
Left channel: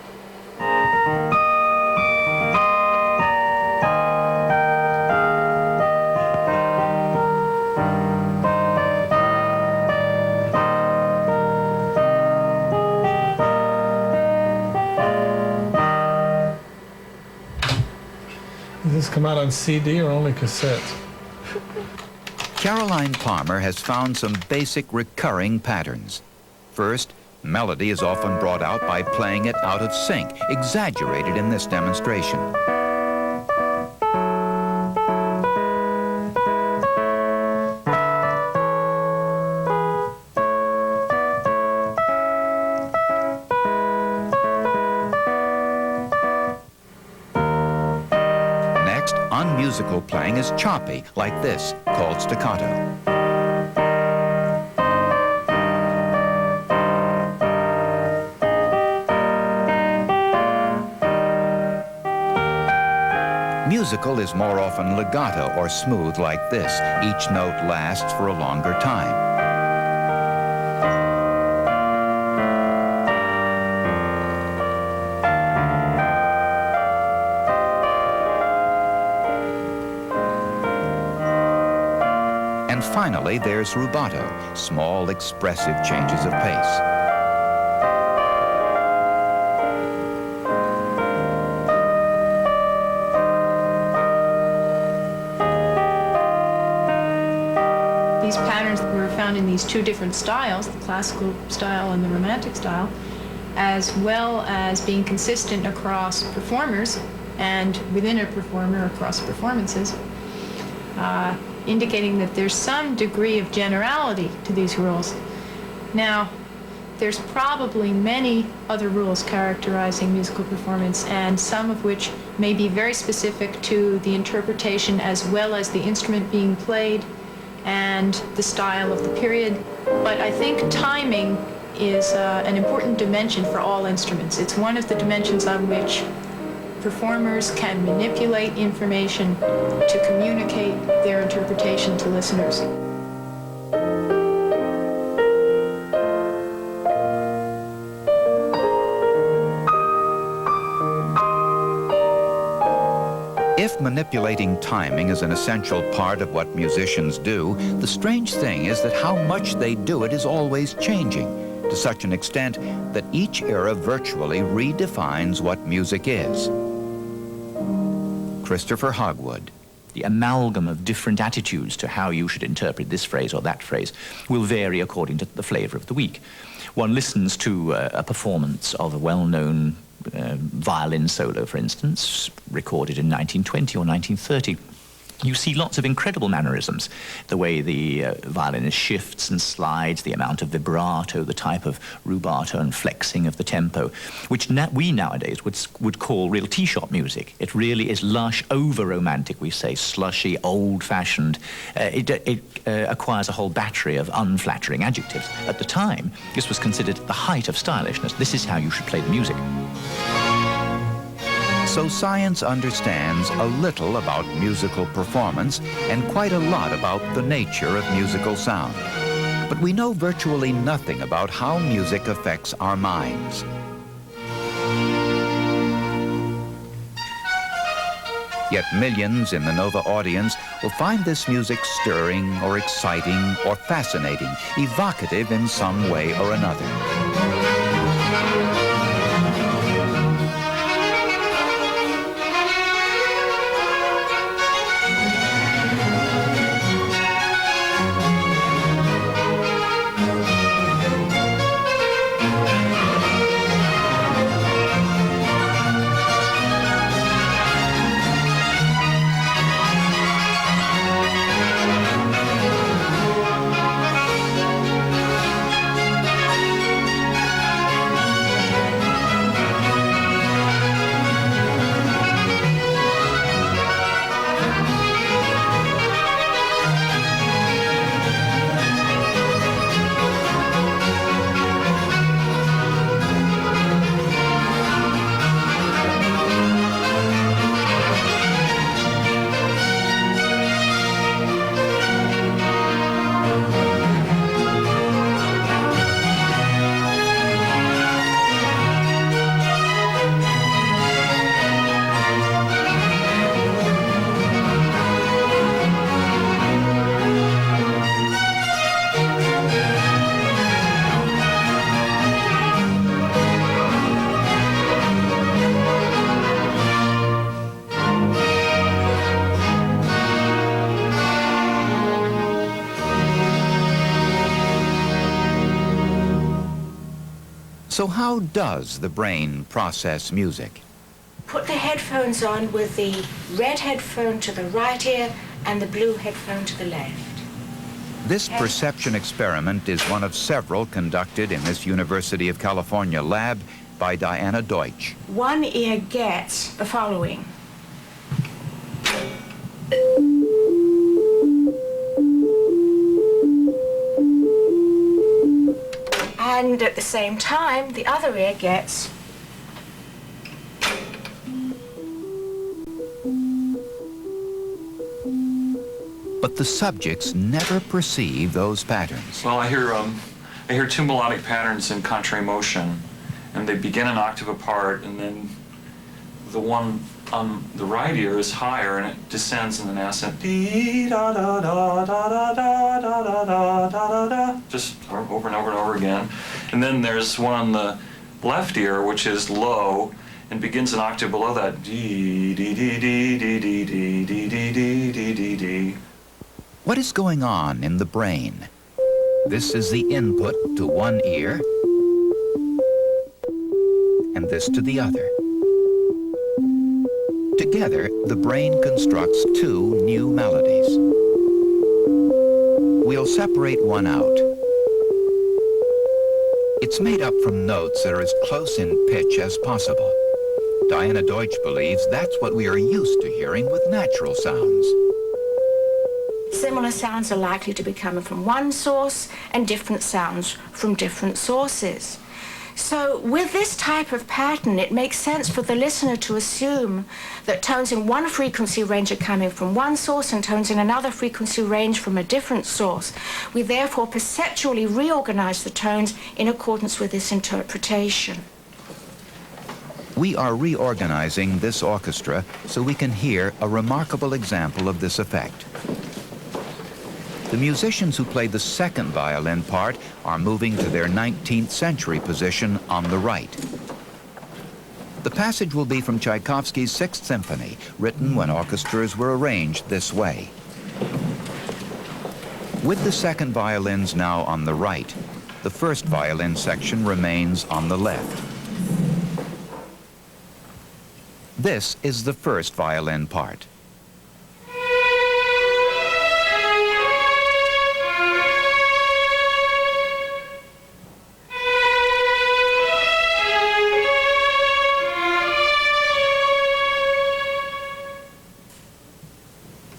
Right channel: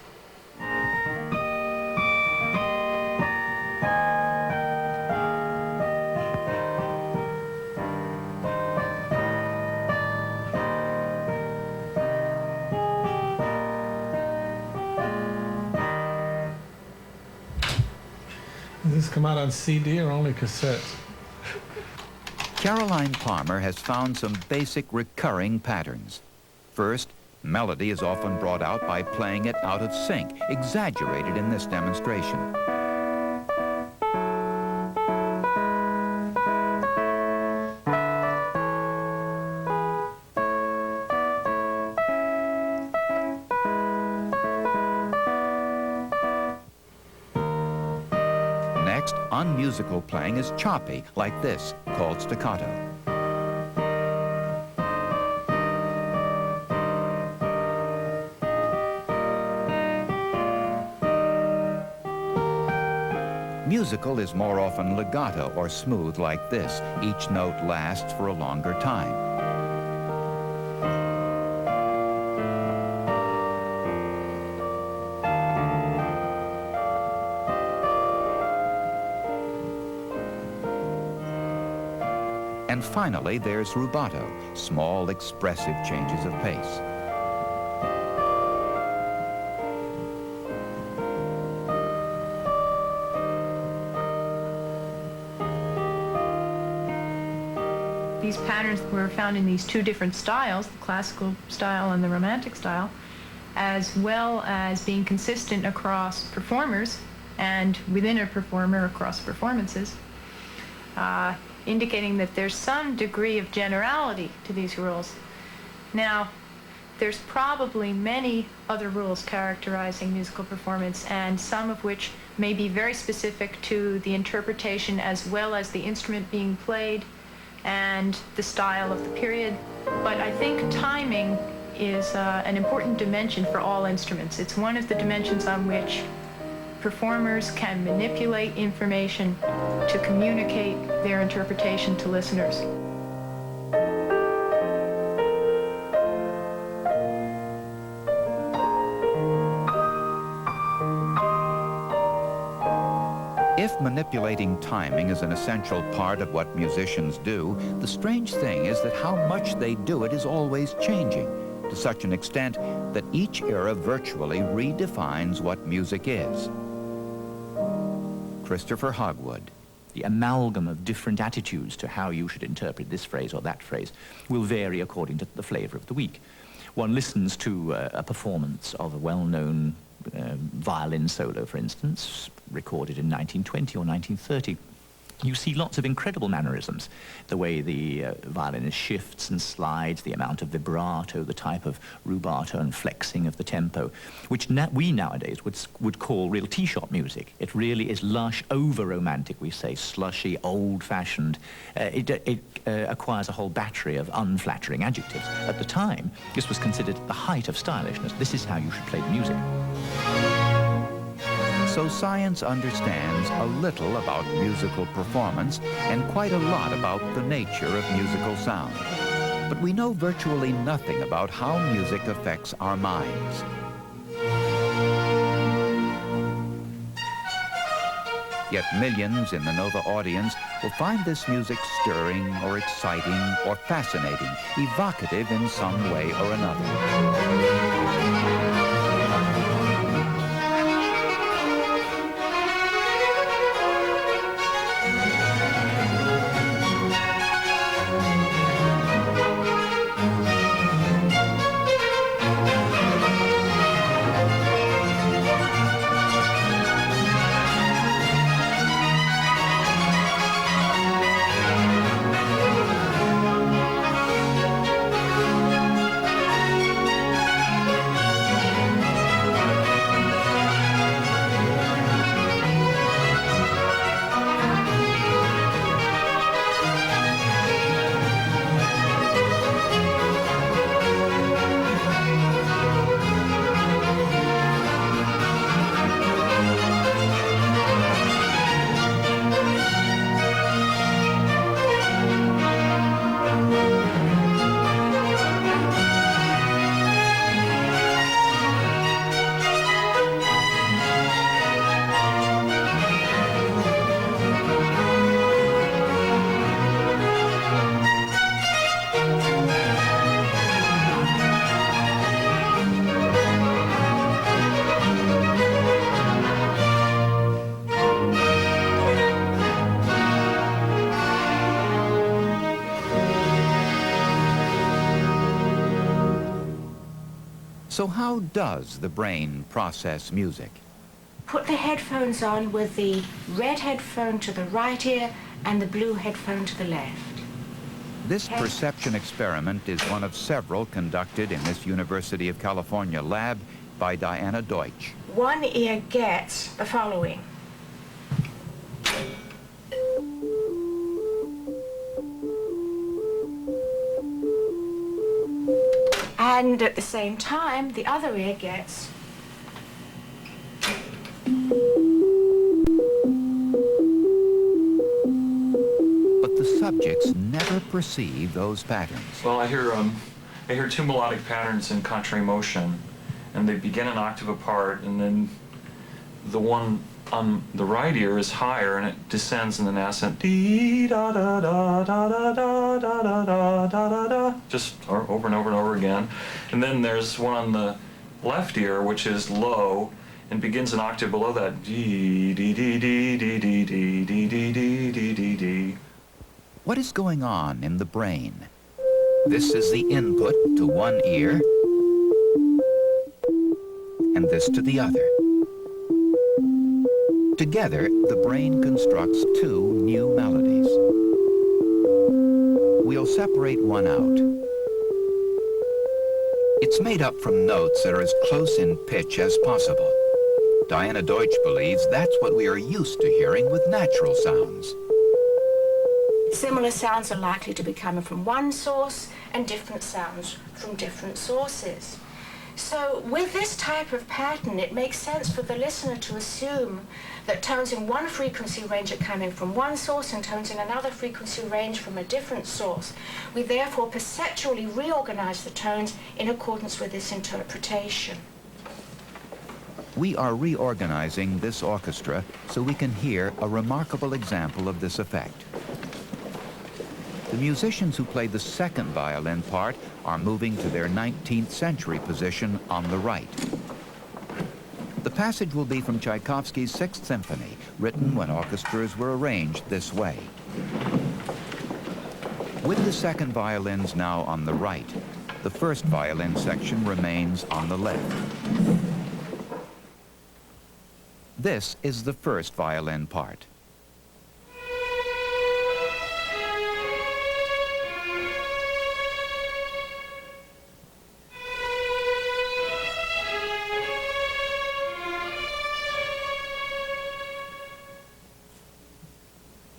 Does this come out on CD or only cassette? Caroline Palmer has found some basic recurring patterns. First, melody is often brought out by playing it out of sync, exaggerated in this demonstration. Next, unmusical playing is choppy, like this, called staccato. Musical is more often legato or smooth, like this. Each note lasts for a longer time. And finally, there's rubato, small, expressive changes of pace. These patterns were found in these two different styles, the classical style and the romantic style, as well as being consistent across performers and within a performer across performances. Indicating that there's some degree of generality to these rules. Now, there's probably many other rules characterizing musical performance, and some of which may be very specific to the interpretation as well as the instrument being played and the style of the period. But I think timing is an important dimension for all instruments. It's one of the dimensions on which performers can manipulate information to communicate their interpretation to listeners. If manipulating timing is an essential part of what musicians do, the strange thing is that how much they do it is always changing, to such an extent that each era virtually redefines what music is. Christopher Hogwood. The amalgam of different attitudes to how you should interpret this phrase or that phrase will vary according to the flavor of the week. One listens to a performance of a well-known violin solo, for instance, recorded in 1920 or 1930. You see lots of incredible mannerisms, the way the violinist shifts and slides, the amount of vibrato, the type of rubato and flexing of the tempo, which we nowadays would call real tea shop music. It really is lush, over-romantic, we say, slushy, old-fashioned. It acquires a whole battery of unflattering adjectives. At the time, this was considered the height of stylishness. This is how you should play the music. So science understands a little about musical performance and quite a lot about the nature of musical sound. But we know virtually nothing about how music affects our minds. Yet millions in the Nova audience will find this music stirring or exciting or fascinating, evocative in some way or another. So how does the brain process music? Put the headphones on with the red headphone to the right ear and the blue headphone to the left. This perception experiment is one of several conducted in this University of California lab by Diana Deutsch. One ear gets the following. And at the same time, the other ear gets. But the subjects never perceive those patterns. Well, I hear two melodic patterns in contrary motion, and they begin an octave apart, and then the one on the right ear is higher, and it descends in an ascent, dee da da da da da da da da da da da da, just over and over and over again. And then there's one on the left ear, which is low, and begins an octave below that, dee dee dee dee dee dee dee dee dee dee dee dee. What is going on in the brain? This is the input to one ear, and this to the other. Together, the brain constructs two new melodies. We'll separate one out. It's made up from notes that are as close in pitch as possible. Diana Deutsch believes that's what we are used to hearing with natural sounds. Similar sounds are likely to be coming from one source and different sounds from different sources. So with this type of pattern, it makes sense for the listener to assume that tones in one frequency range are coming from one source and tones in another frequency range from a different source. We therefore perceptually reorganize the tones in accordance with this interpretation. We are reorganizing this orchestra so we can hear a remarkable example of this effect. The musicians who play the second violin part are moving to their 19th century position on the right. The passage will be from Tchaikovsky's Sixth Symphony, written when orchestras were arranged this way. With the second violins now on the right, the first violin section remains on the left. This is the first violin part.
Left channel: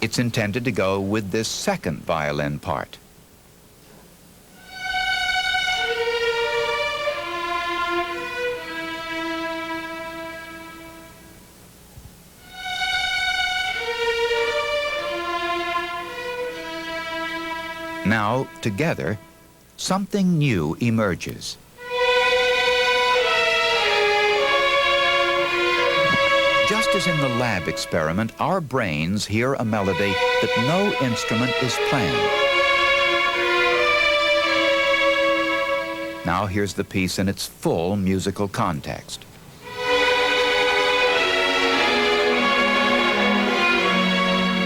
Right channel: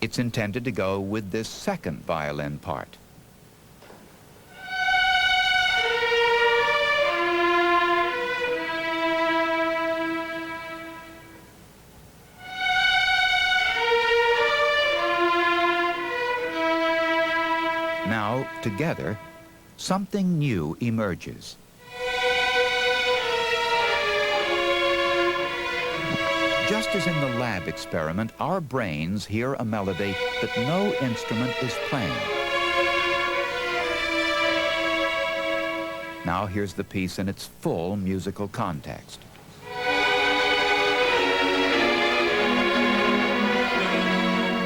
It's intended to go with this second violin part. Now, together, something new emerges. Just as in the lab experiment, our brains hear a melody that no instrument is playing. Now here's the piece in its full musical context.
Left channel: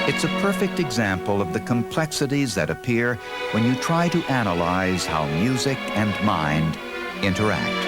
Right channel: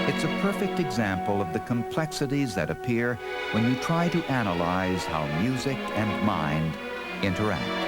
It's a perfect example of the complexities that appear when you try to analyze how music and mind interact.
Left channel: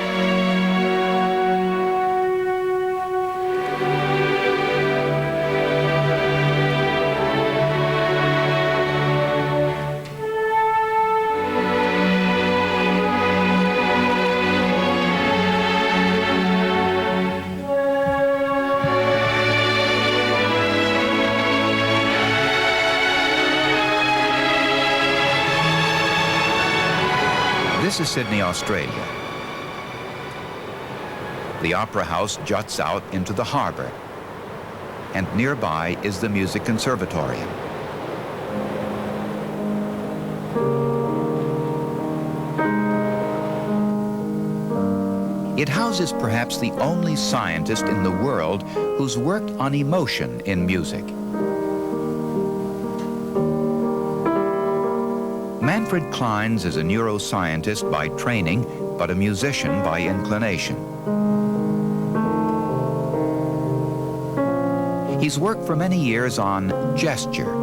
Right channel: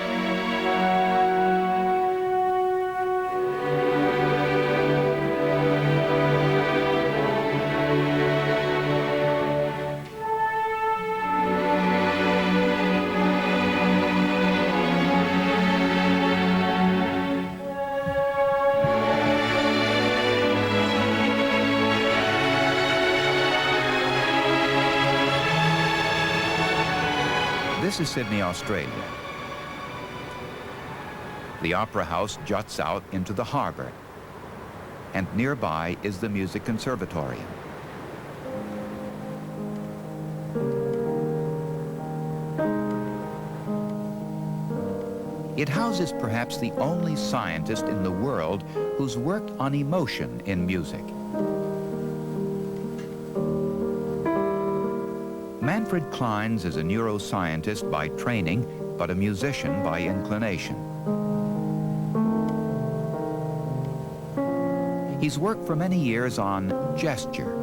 This is Sydney, Australia. The Opera House juts out into the harbor, and nearby is the Music Conservatorium. It houses perhaps the only scientist in the world who's worked on emotion in music. Manfred Kleins is a neuroscientist by training, but a musician by inclination. He's worked for many years on gesture.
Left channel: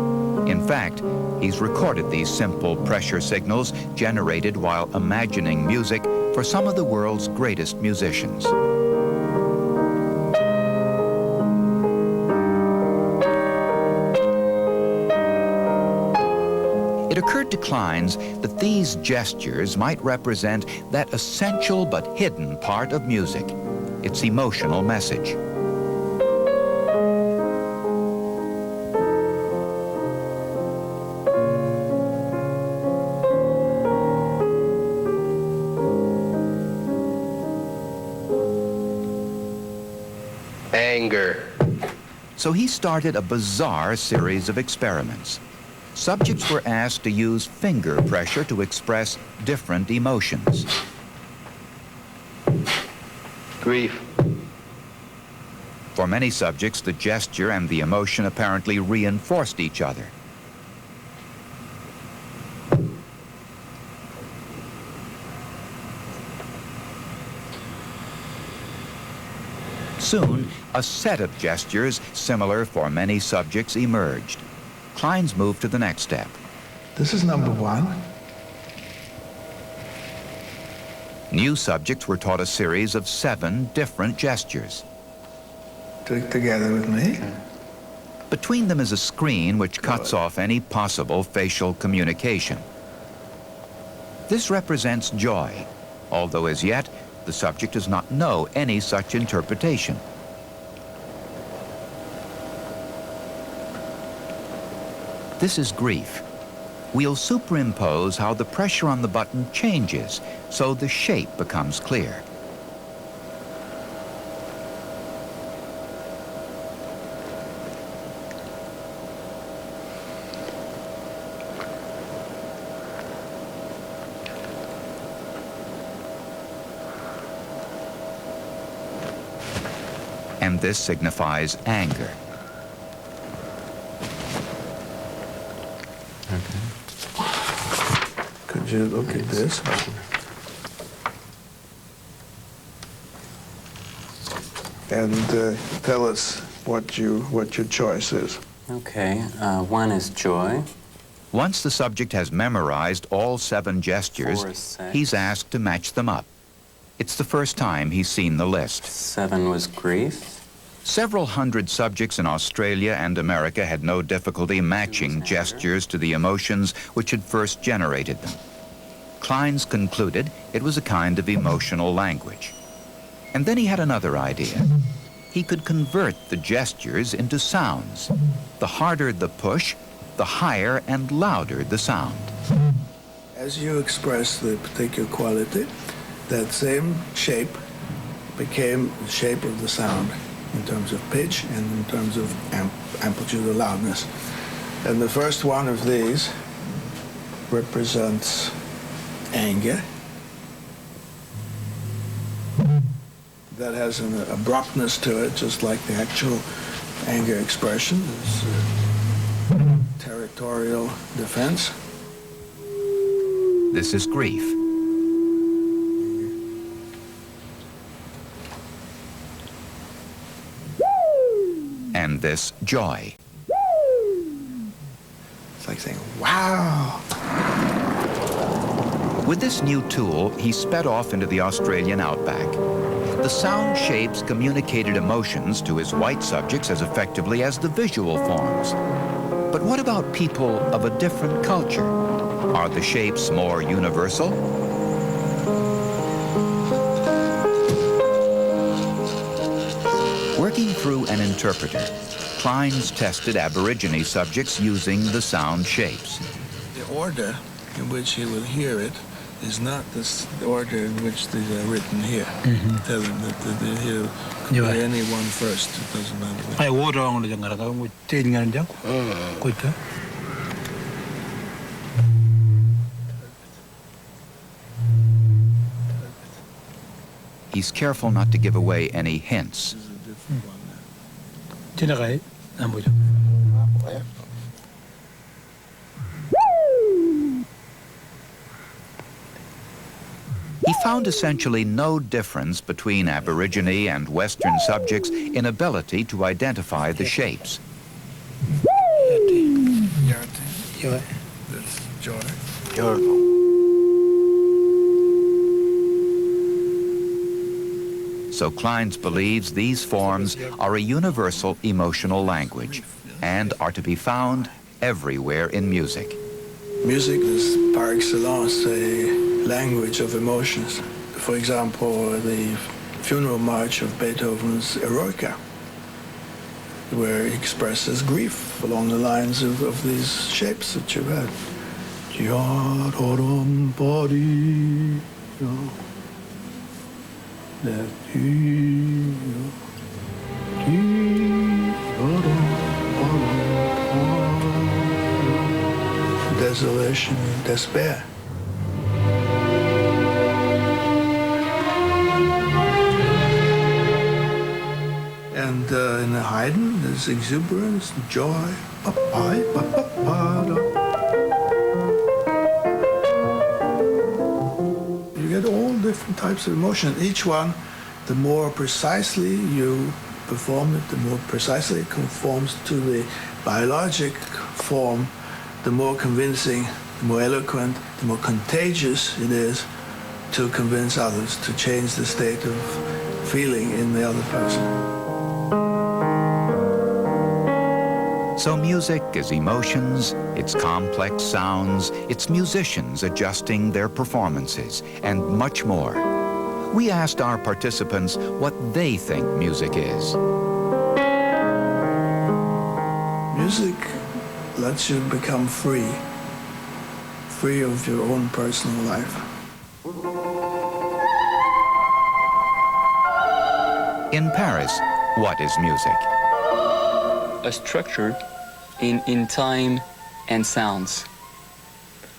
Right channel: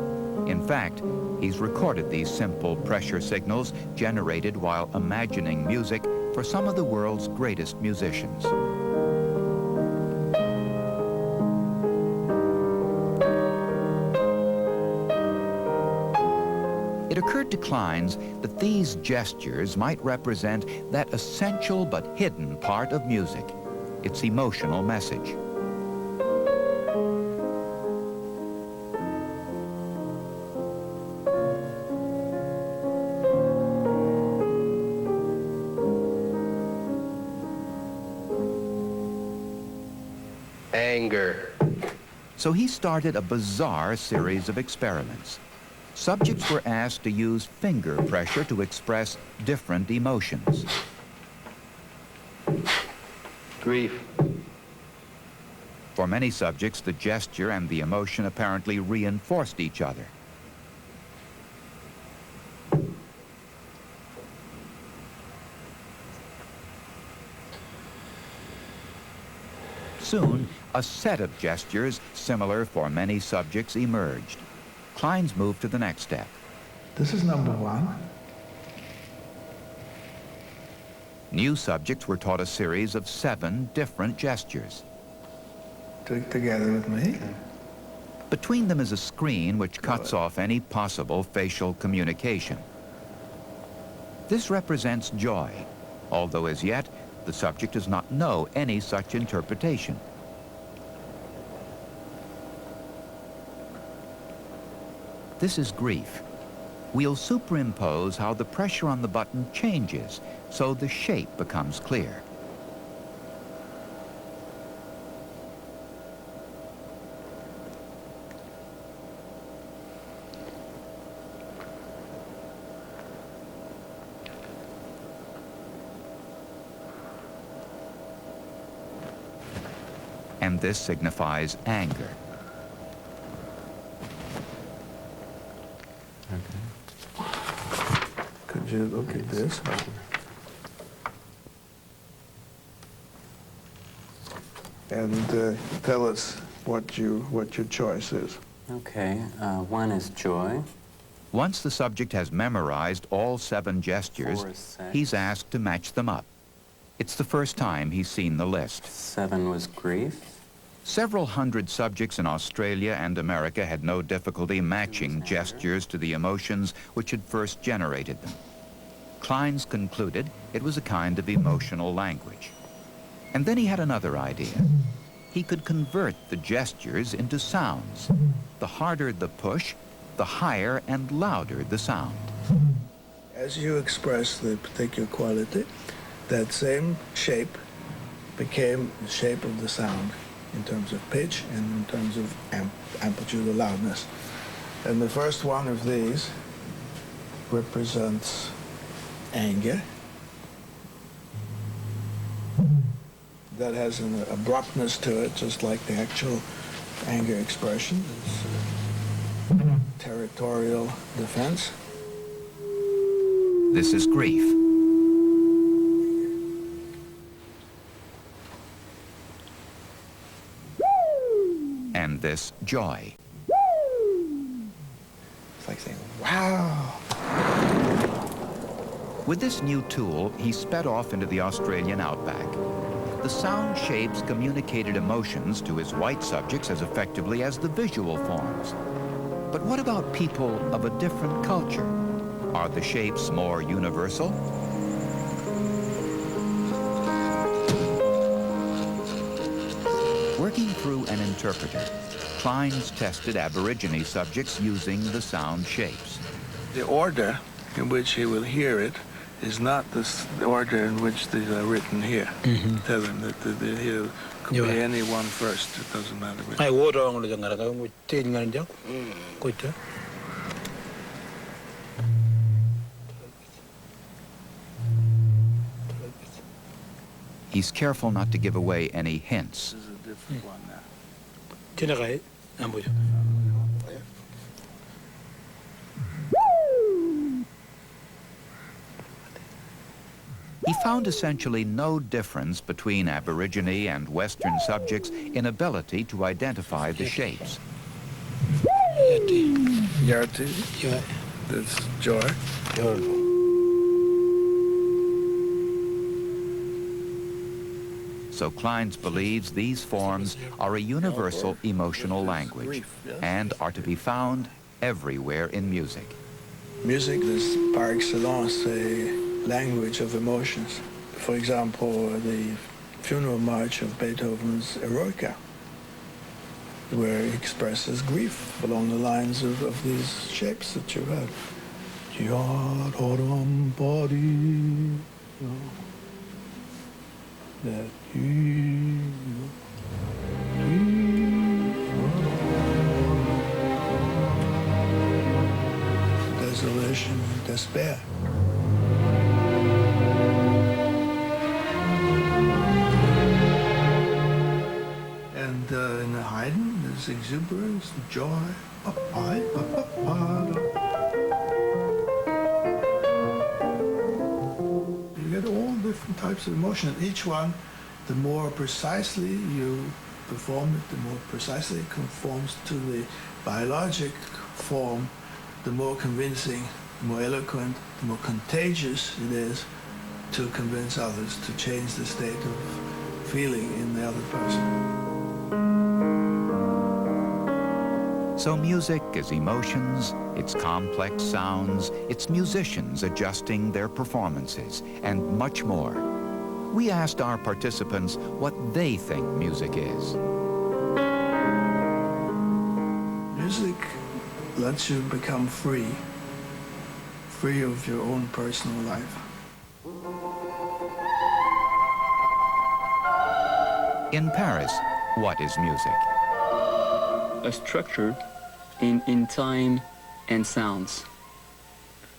In fact, he's recorded these simple pressure signals generated while imagining music for some of the world's greatest musicians. It occurred to Kleins that these gestures might represent that essential but hidden part of music, its emotional message. Anger. So he started a bizarre series of experiments. Subjects were asked to use finger pressure to express different emotions. Grief. For many subjects, the gesture and the emotion apparently reinforced each other. Soon, a set of gestures similar for many subjects emerged. Kleins moved to the next step. This is number 1. New subjects were taught a series of 7 different gestures. Together with me. Between them is a screen which cuts off any possible facial communication. This represents joy, although as yet, the subject does not know any such interpretation. This is grief. We'll superimpose how the pressure on the button changes so the shape becomes clear. And this signifies anger. Could you look at this? And tell us what your choice is. Okay, 1 is joy. Once the subject has memorized all 7 gestures, 4 is sex. he's asked to match them up. It's the first time he's seen the list. 7 was grief. Several hundred subjects in Australia and America had no difficulty matching gestures to the emotions which had first generated them. Kleins concluded it was a kind of emotional language. And then he had another idea. He could convert the gestures into sounds. The harder the push, the higher and louder the sound. As you express the particular quality, that same shape became the shape of the sound in terms of pitch and in terms of amplitude or loudness. And the first one of these represents anger. That has an abruptness to it, just like the actual anger expression. It's territorial defense. This is grief. And this joy. It's like saying, wow. With this new tool, he sped off into the Australian outback. The sound shapes communicated emotions to his white subjects as effectively as the visual forms. But what about people of a different culture? Are the shapes more universal? Working through an interpreter, Kleins tested Aborigine subjects using the sound shapes. The order in which he will hear it is not the order in which these are written here. Tell them that he'll hear any one first. It doesn't matter which. I order only the ngara change ngara jak. Kuita. He's careful not to give away any hints. Chinakai ambojo. He found essentially no difference between Aborigine and Western subjects in ability to identify the shapes. Yarti. That's joy. So Kleins believes these forms are a universal emotional language and are to be found everywhere in music. Music is par excellence a language of emotions. For example, the funeral march of Beethoven's Eroica, where he expresses grief along the lines of these shapes that you had. Desolation and despair. And in the Haydn, there's exuberance, joy. You get all different types of emotion. Each one, the more precisely you perform it, the more precisely it conforms to the biologic form, the more convincing, the more eloquent, the more contagious it is to convince others, to change the state of feeling in the other person. So music is emotions, it's complex sounds, it's musicians adjusting their performances, and much more. We asked our participants what they think music is. Music lets you become free of your own personal life. In Paris, what is music? A structure in time and sounds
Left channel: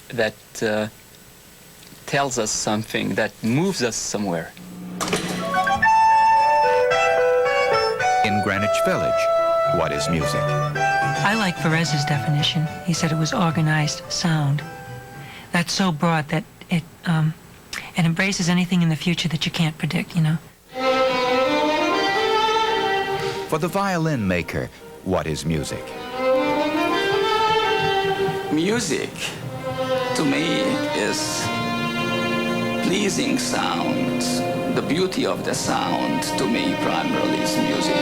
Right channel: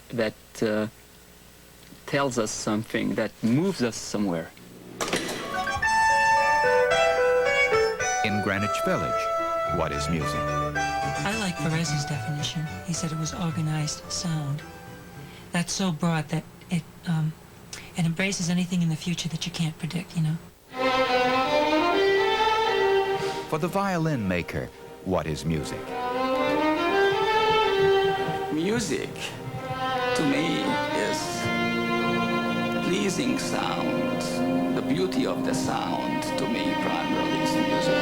that tells us something, that moves us somewhere. In Greenwich Village, what is music? I like Perez's definition. He said it was organized sound. That's so broad that it embraces anything in the future that you can't predict, you know? For the violin maker, what is music? Music, to me, is pleasing sound. The beauty of the sound, to me, primarily is music.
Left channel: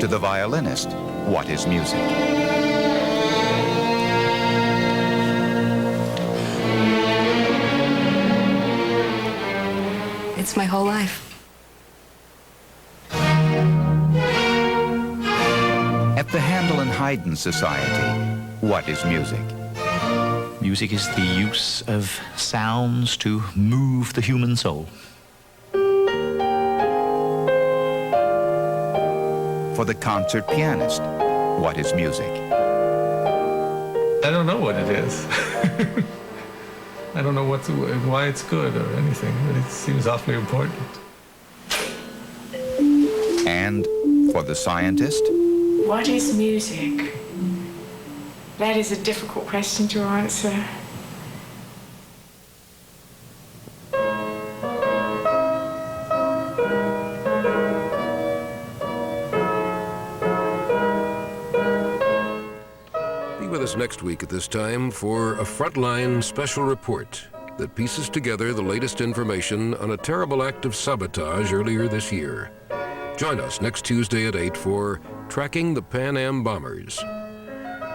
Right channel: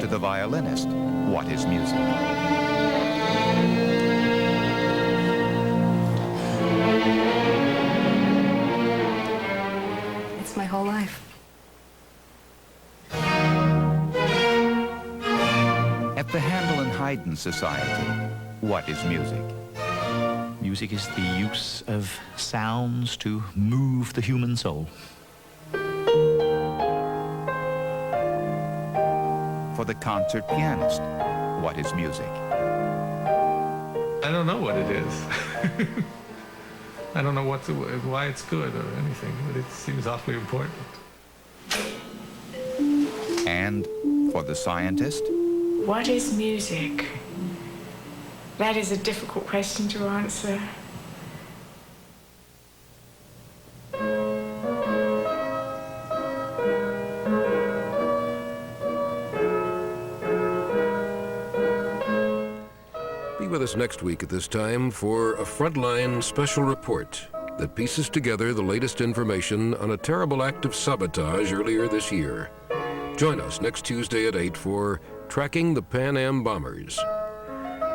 To the violinist, what is music? It's my whole life. At the Handel and Haydn Society, what is music? Music is the use of sounds to move the human soul. For the concert pianist, what is music? I don't know what it is. I don't know why it's good or anything, but it seems awfully important. And for the scientist? What is music? That is a difficult question to answer. Be with us next week at this time for a Frontline special report that pieces together the latest information on a terrible act of sabotage earlier this year. Join us next Tuesday at 8 for Tracking the Pan Am Bombers.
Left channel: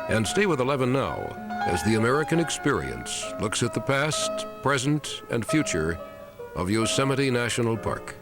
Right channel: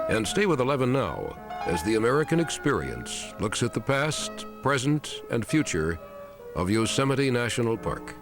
And stay with 11 Now as the American Experience looks at the past, present, and future of Yosemite National Park.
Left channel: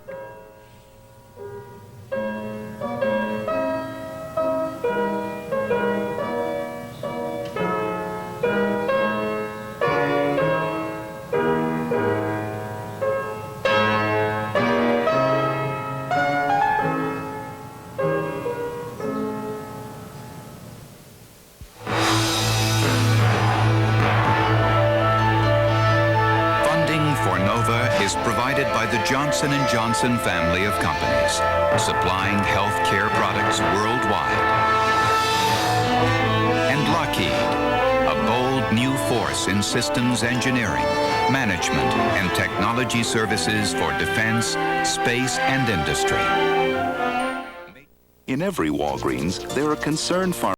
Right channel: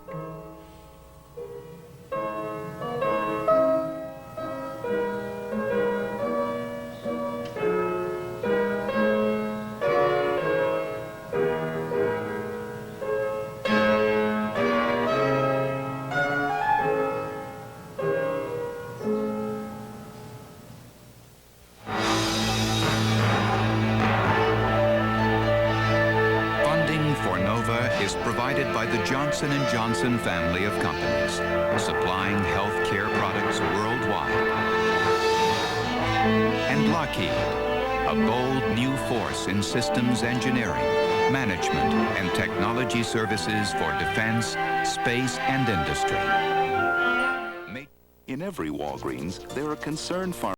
Funding for NOVA is provided by the Johnson & Johnson family of companies, supplying health care products worldwide. And Lockheed, a bold new force in systems engineering, management, and technology services for defense, space, and industry. In every Walgreens, there are concerned farmers